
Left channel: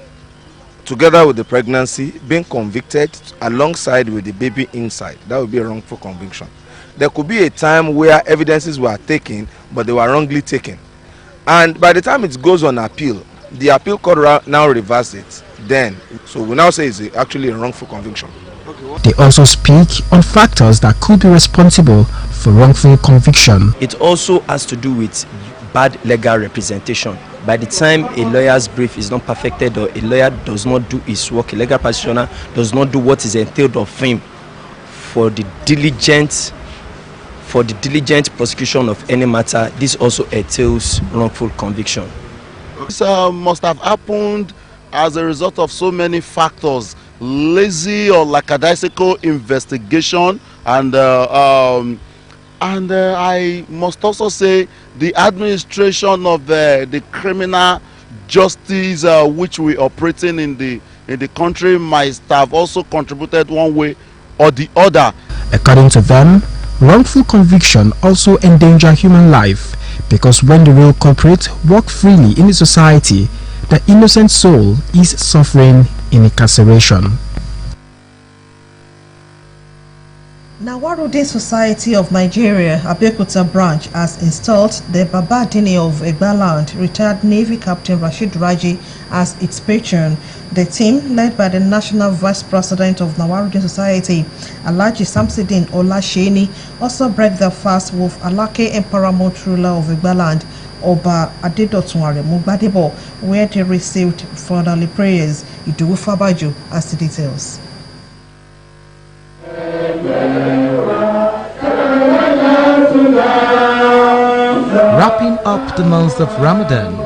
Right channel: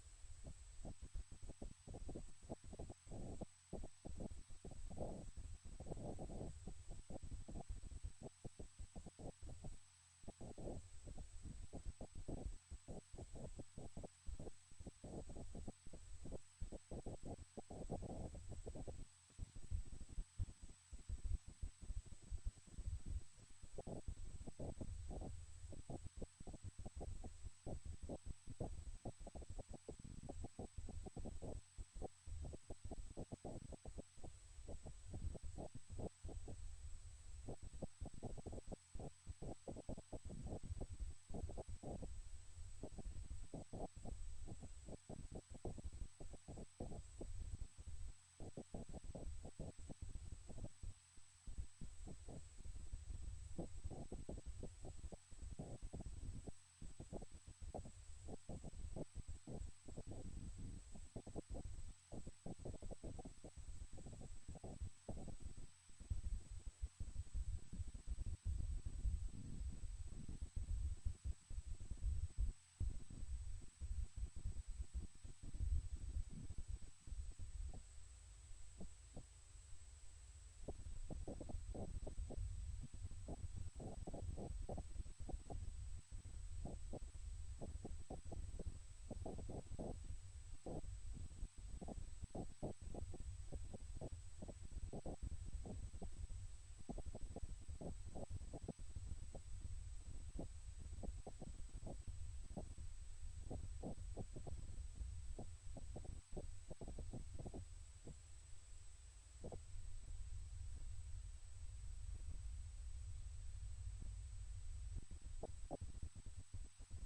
together with the pregnancy, being convicted alongside with the baby inside, that would be a wrongful conviction. There could be a time where evidences were taken, but they were wrongly taken. And by the time it goes on appeal, the appeal court now reverses it. Then, so we now say it's actually a wrongful conviction. They also speak on factors that could be responsible for wrongful conviction. It also has to do with bad legal representation. By the time a lawyer's brief is not perfected or a lawyer does not do his work, a legal practitioner does not do what is entailed of him for the diligent prosecution of any matter, this also entails wrongful conviction. This must have happened as a result of so many factors: lazy or lackadaisical investigation, and I must also say the administration of the criminal justice which we operating in the country might have also contributed one way or the other. According to them, wrongful conviction also endanger human life, because when the real culprit walk freely in the society, the innocent soul is suffering in incarceration. Nawaruddin Society of Nigeria, Abeokuta branch, has installed the Baba Dini of Egbaland, retired Navy Captain Rashid Raji, as its patron. The team, led by the National Vice President of Nawaruddin Society, Alhaji Samsidin Olasheni, also break their fast with Alake and paramount ruler of Egbaland, Oba Adedotun Aremu Gbadebo, where they received fatherly prayers. Idowu Fabaju has the details. Wrapping up the month of Ramadan,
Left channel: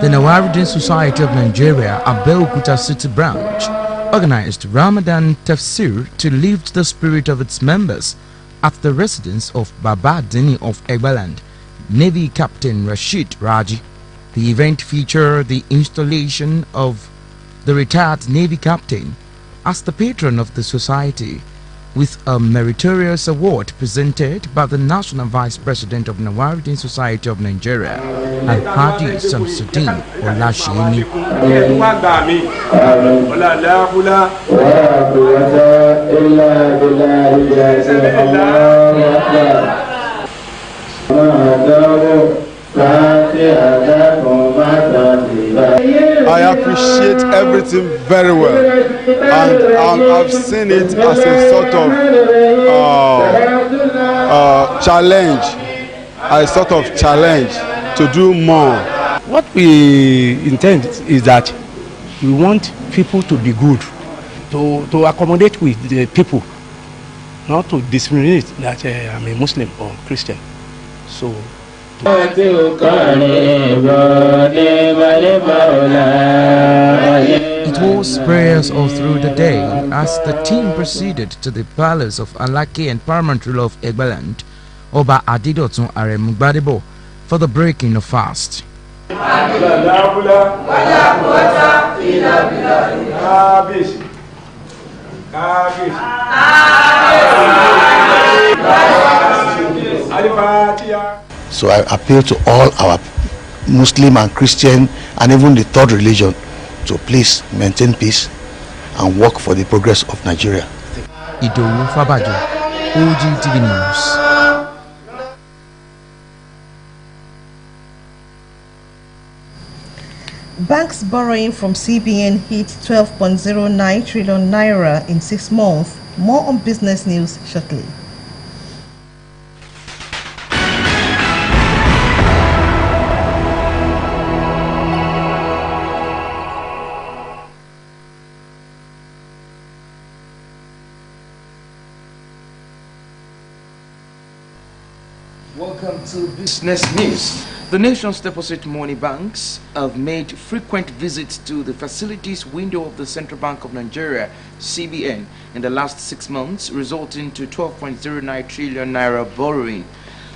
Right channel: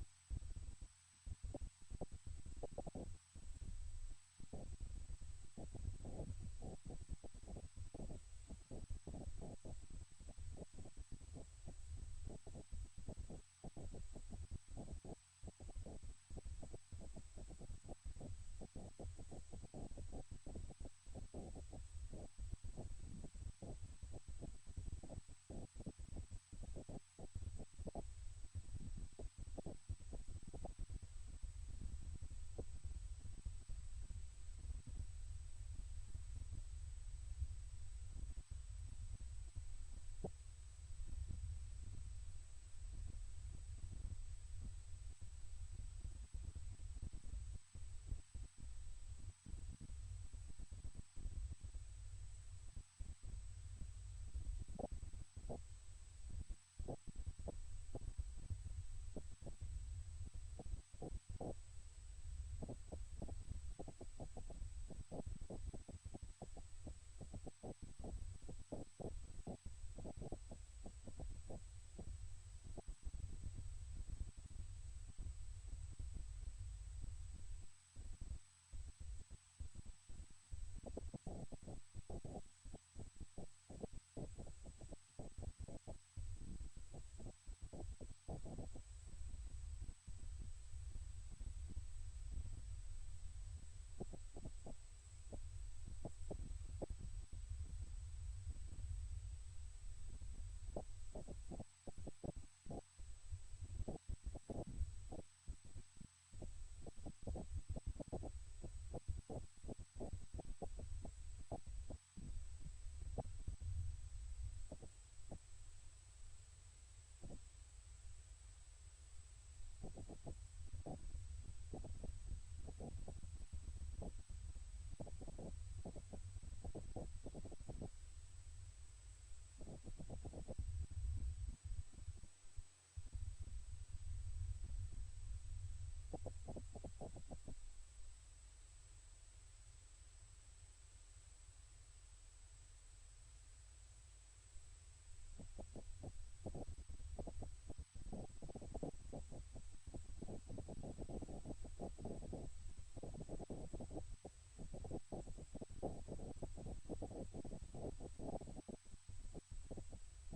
the Nawaruddin Society of Nigeria, Abeokuta City branch, organized Ramadan Tafsir to lift the spirit of its members at the residence of Baba Dini of Egbaland, Navy Captain Rashid Raji. The event featured the installation of the retired Navy Captain as the patron of the society, with a meritorious award presented by the National Vice President of Nawaruddin Society of Nigeria, Alhaji Samsidin Olasheni. I appreciate everything very well, and I've seen it as a sort of challenge to do more. What we intend is that we want people to be good, to accommodate with the people, not to discriminate that I'm a Muslim or Christian. So it was prayers all through the day as the team proceeded to the palace of Alake and paramount ruler of Egbaland, Oba Adedotun Aremu Gbadebo, for the breaking of fast. So I appeal to all our Muslim and Christian and even the third religion to please maintain peace and work for the progress of Nigeria. Idowu Fabajo, Ogtv News. Banks borrowing from CBN hit 12.09 trillion naira in 6 months. More on business news shortly. Welcome to Business News. The nation's deposit money banks have made frequent visits to the facilities window of the Central Bank of Nigeria, CBN, in the last 6 months, resulting to 12.09 trillion naira borrowing.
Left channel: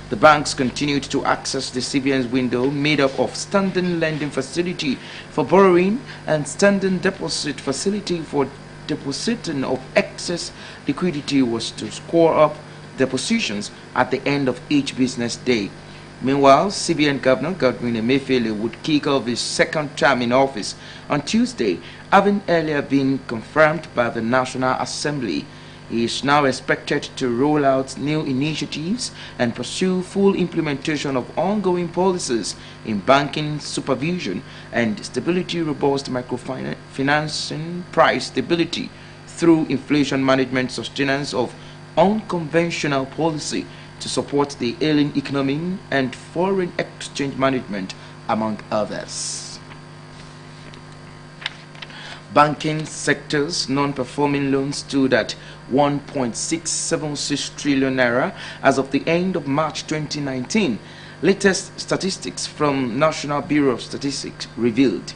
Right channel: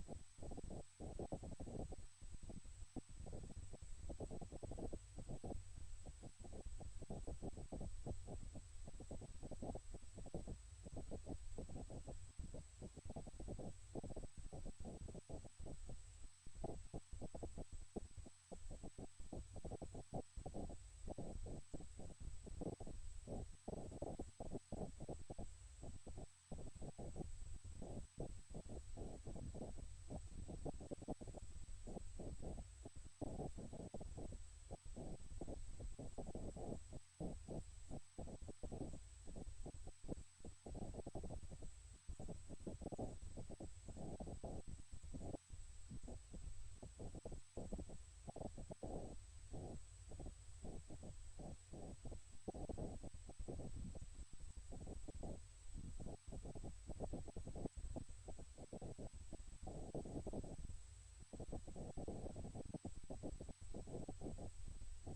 The banks continued to access the CBN's window, made up of standing lending facility for borrowing and standing deposit facility for depositing of excess liquidity, was to score up depositions at the end of each business day. Meanwhile, CBN Governor Godwin Emefiele would kick off his second term in office on Tuesday, having earlier been confirmed by the National Assembly. He is now expected to roll out new initiatives and pursue full implementation of ongoing policies in banking supervision and stability, robust microfinancing, price stability through inflation management, sustenance of unconventional policy to support the ailing economy and foreign exchange management, among others. Banking sector's non-performing loans stood at 1.676 trillion naira as of the end of March 2019. Latest statistics from National Bureau of Statistics revealed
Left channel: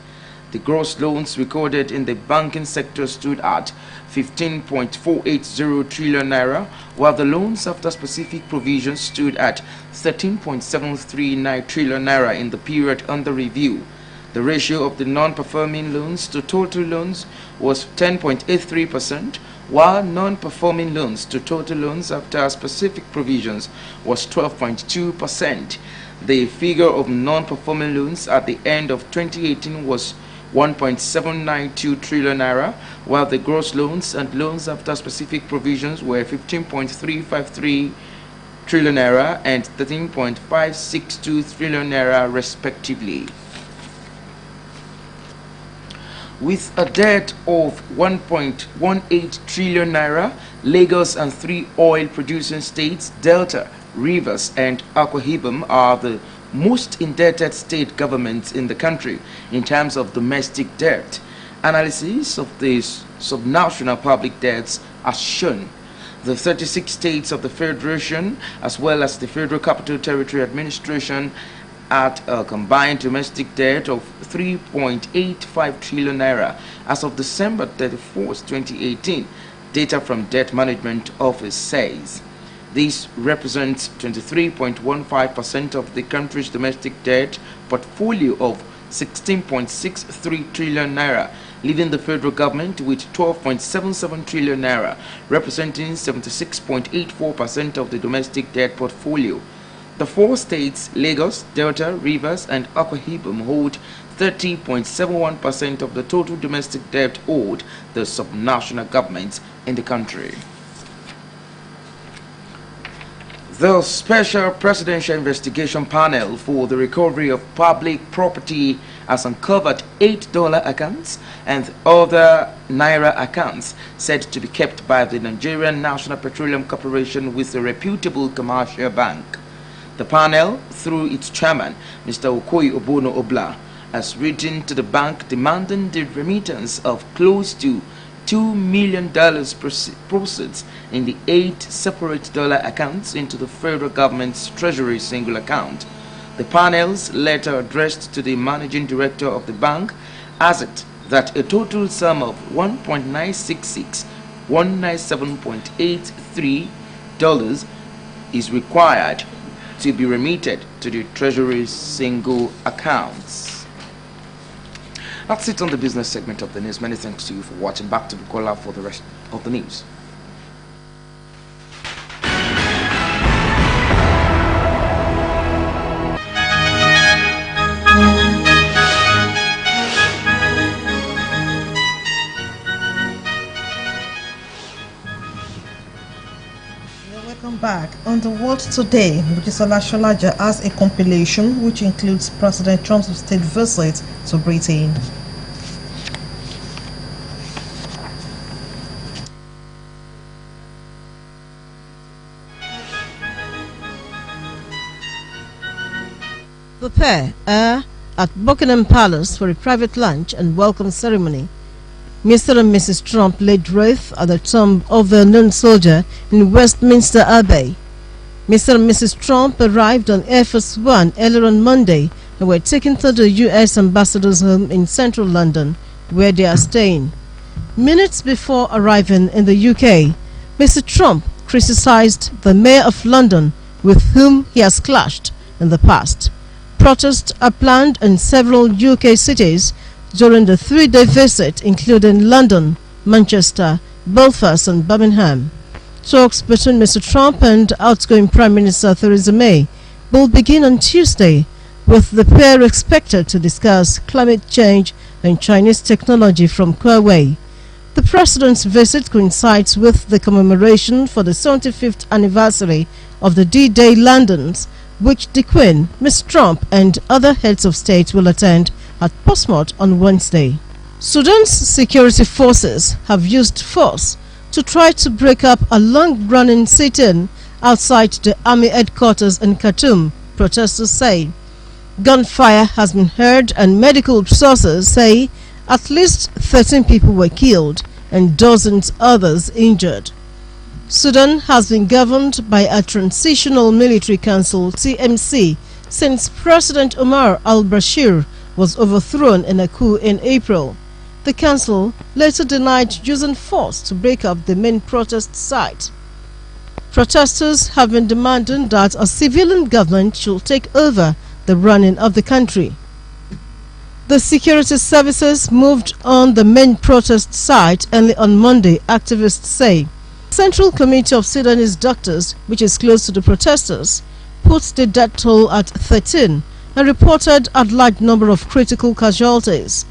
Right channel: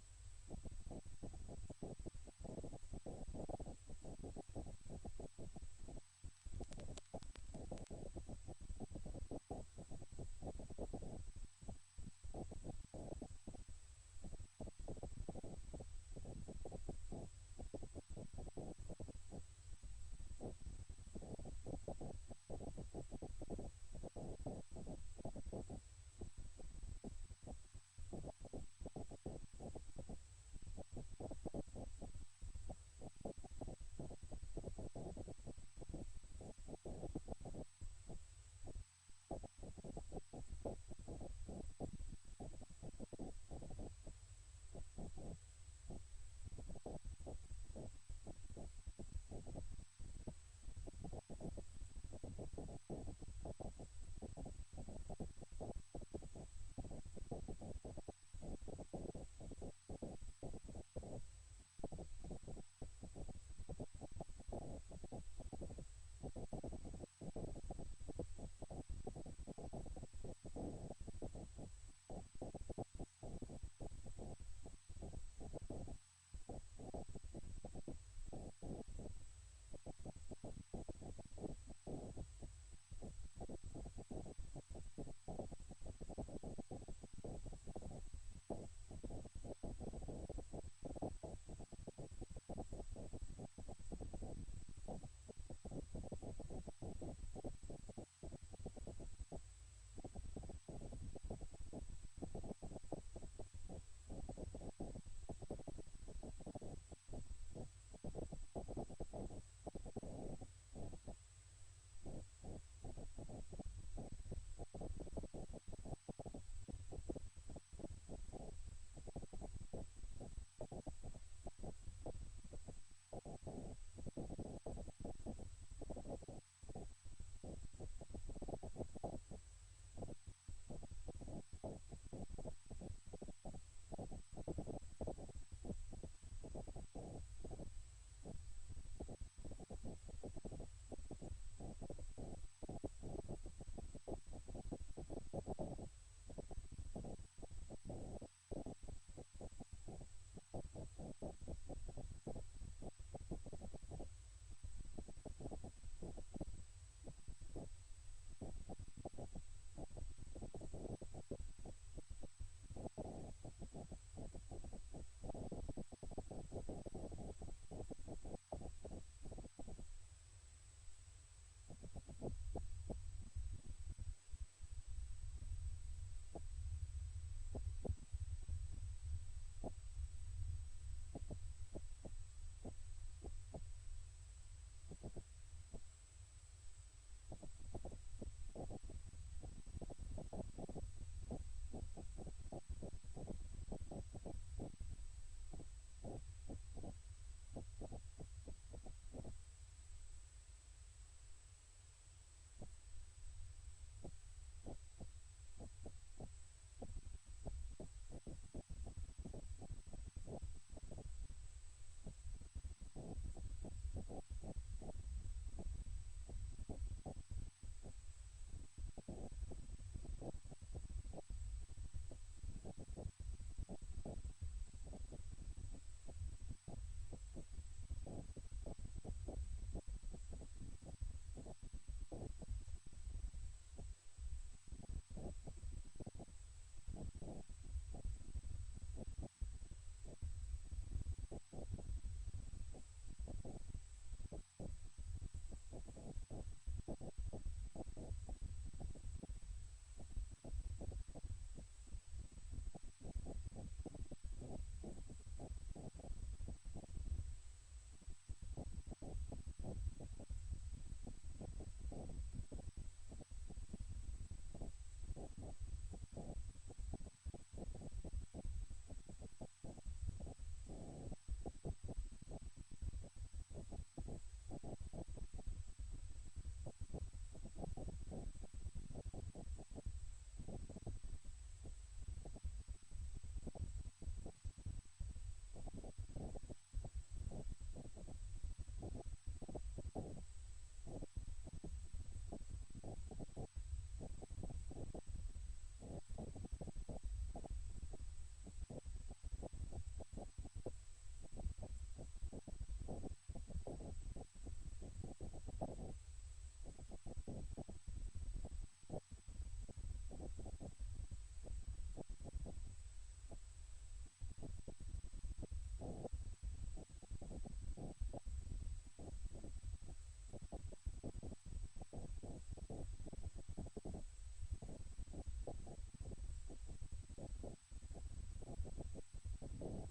the gross loans recorded in the banking sector stood at 15.480 trillion naira, while the loans after specific provisions stood at 13.739 trillion naira in the period under review. The ratio of the non-performing loans to total loans was 10.83%, while non-performing loans to total loans after specific provisions was 12.2%. The figure of non-performing loans at the end of 2018 was 1.792 trillion naira, while the gross loans and loans after specific provisions were 15.353 trillion naira and 13.562 trillion naira respectively. With a debt of 1.18 trillion naira, Lagos and 3 oil-producing states, Delta, Rivers and Akwa Ibom, are the most indebted state governments in the country in terms of domestic debt. Analysis of the subnational public debts has shown the 36 states of the Federation, as well as the Federal Capital Territory Administration, at a combined domestic debt of 3.85 trillion naira as of December 31st, 2018. Data from Debt Management Office says this represents 23.15% of the country's domestic debt portfolio of 16.63 trillion naira, leaving the federal government with 12.77 trillion naira, representing 76.84% of the domestic debt portfolio. The 4 states, Lagos, Delta, Rivers, and Akwa Ibom, hold 30.71% of the total domestic debt owed the subnational governments in the country. The Special Presidential Investigation Panel for the Recovery of Public Property has uncovered $8 accounts and other Naira accounts said to be kept by the Nigerian National Petroleum Corporation with a reputable commercial bank. The panel, through its chairman, Mr. Okoye Obono Obla, has written to the bank demanding the remittance of close to $2 million proceeds in the 8 separate dollar accounts into the federal government's treasury single account. The panel's letter addressed to the managing director of the bank has it that a total sum of $1.966,197.83 is required to be remitted to the treasury single accounts. That's it on the business segment of the news. Many thanks to you for watching. Back to Bukola for the rest of the news. Welcome back. On the World Today, Bujisola Sholaja has a compilation which includes President Trump's state visit to Britain. The pair are at Buckingham Palace for a private lunch and welcome ceremony. Mr. and Mrs. Trump laid wreath at the tomb of a known soldier in Westminster Abbey. Mr. and Mrs. Trump arrived on Air Force One earlier on Monday and were taken to the U.S. ambassador's home in central London, where they are staying. Minutes before arriving in the UK, Mr. Trump criticized the mayor of London, with whom he has clashed in the past. Protests are planned in several UK cities during the 3-day visit, including London, Manchester, Belfast and Birmingham. Talks between Mr. Trump and outgoing Prime Minister Theresa May will begin on Tuesday, with the pair expected to discuss climate change and Chinese technology from Huawei. The president's visit coincides with the commemoration for the 75th anniversary of the D-Day landings, which the Queen, Ms. Trump and other heads of state will attend at Portsmouth on Wednesday. Sudan's security forces have used force to try to break up a long-running sit-in outside the army headquarters in Khartoum, protesters say. Gunfire has been heard and medical sources say at least 13 people were killed and dozens others injured. Sudan has been governed by a transitional military council, TMC, since President Omar al-Bashir was overthrown in a coup in April. The council later denied using force to break up the main protest site. Protesters have been demanding that a civilian government should take over the running of the country. The security services moved on the main protest site early on Monday, activists say. Central Committee of Sudanese Doctors, which is close to the protesters, put the death toll at 13 and reported a large number of critical casualties.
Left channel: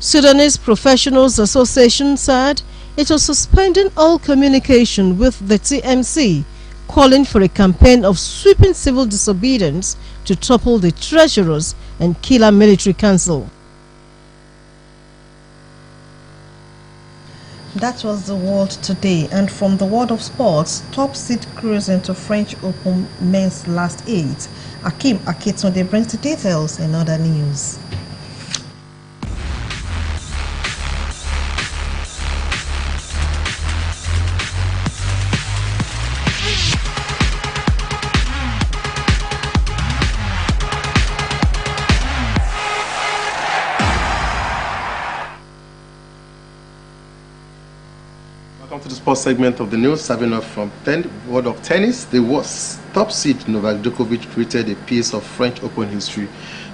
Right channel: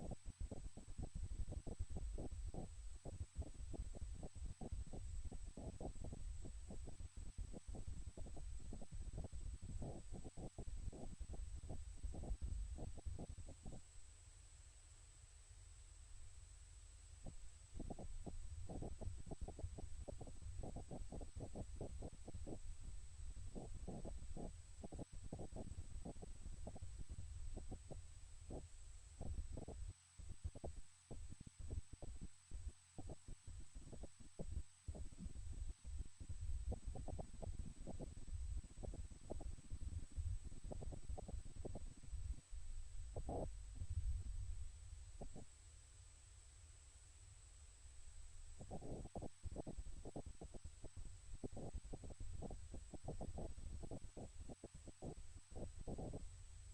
Sudanese Professionals Association said it was suspending all communication with the TMC, calling for a campaign of sweeping civil disobedience to topple the treasurers and kill a military council. That was the World Today, and from the world of sports, top seed cruise into French Open men's last 8. Akim Akitunde brings the details in other news. Welcome to the sports segment of the news, serving up from world of tennis. The top seed Novak Djokovic created a piece of French Open history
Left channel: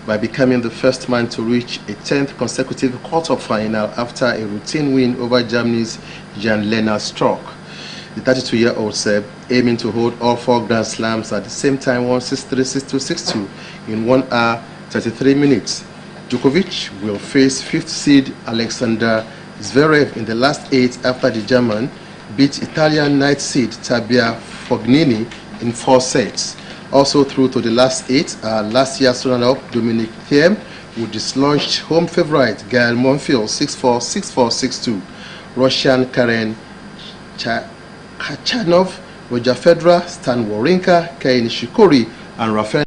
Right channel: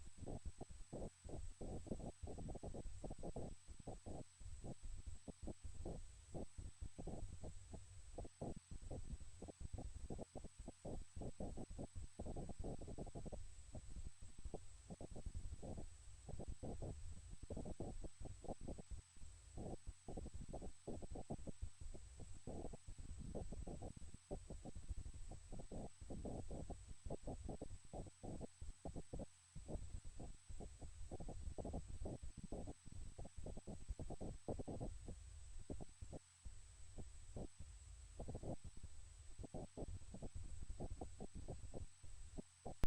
by becoming the first man to reach a 10th consecutive quarter-final after a routine win over Germany's Jan-Lennart Struck. The 32-year-old Serb, aiming to hold all 4 Grand Slams at the same time, won 6-3, 6-2, 6-2 in 1 hour 33 minutes. Djokovic will face 5th seed Alexander Zverev in the last 8 after the German beat Italian 9th seed Tabia Fognini in 4 sets. Also through to the last 8 are last year's runner-up Dominic Thiem, who dislodged home favorite Gael Monfils 6-4, 6-4, 6-2. Russian Karen Khachanov, Roger Federer, Stan Wawrinka, Kei Nishikori and Rafael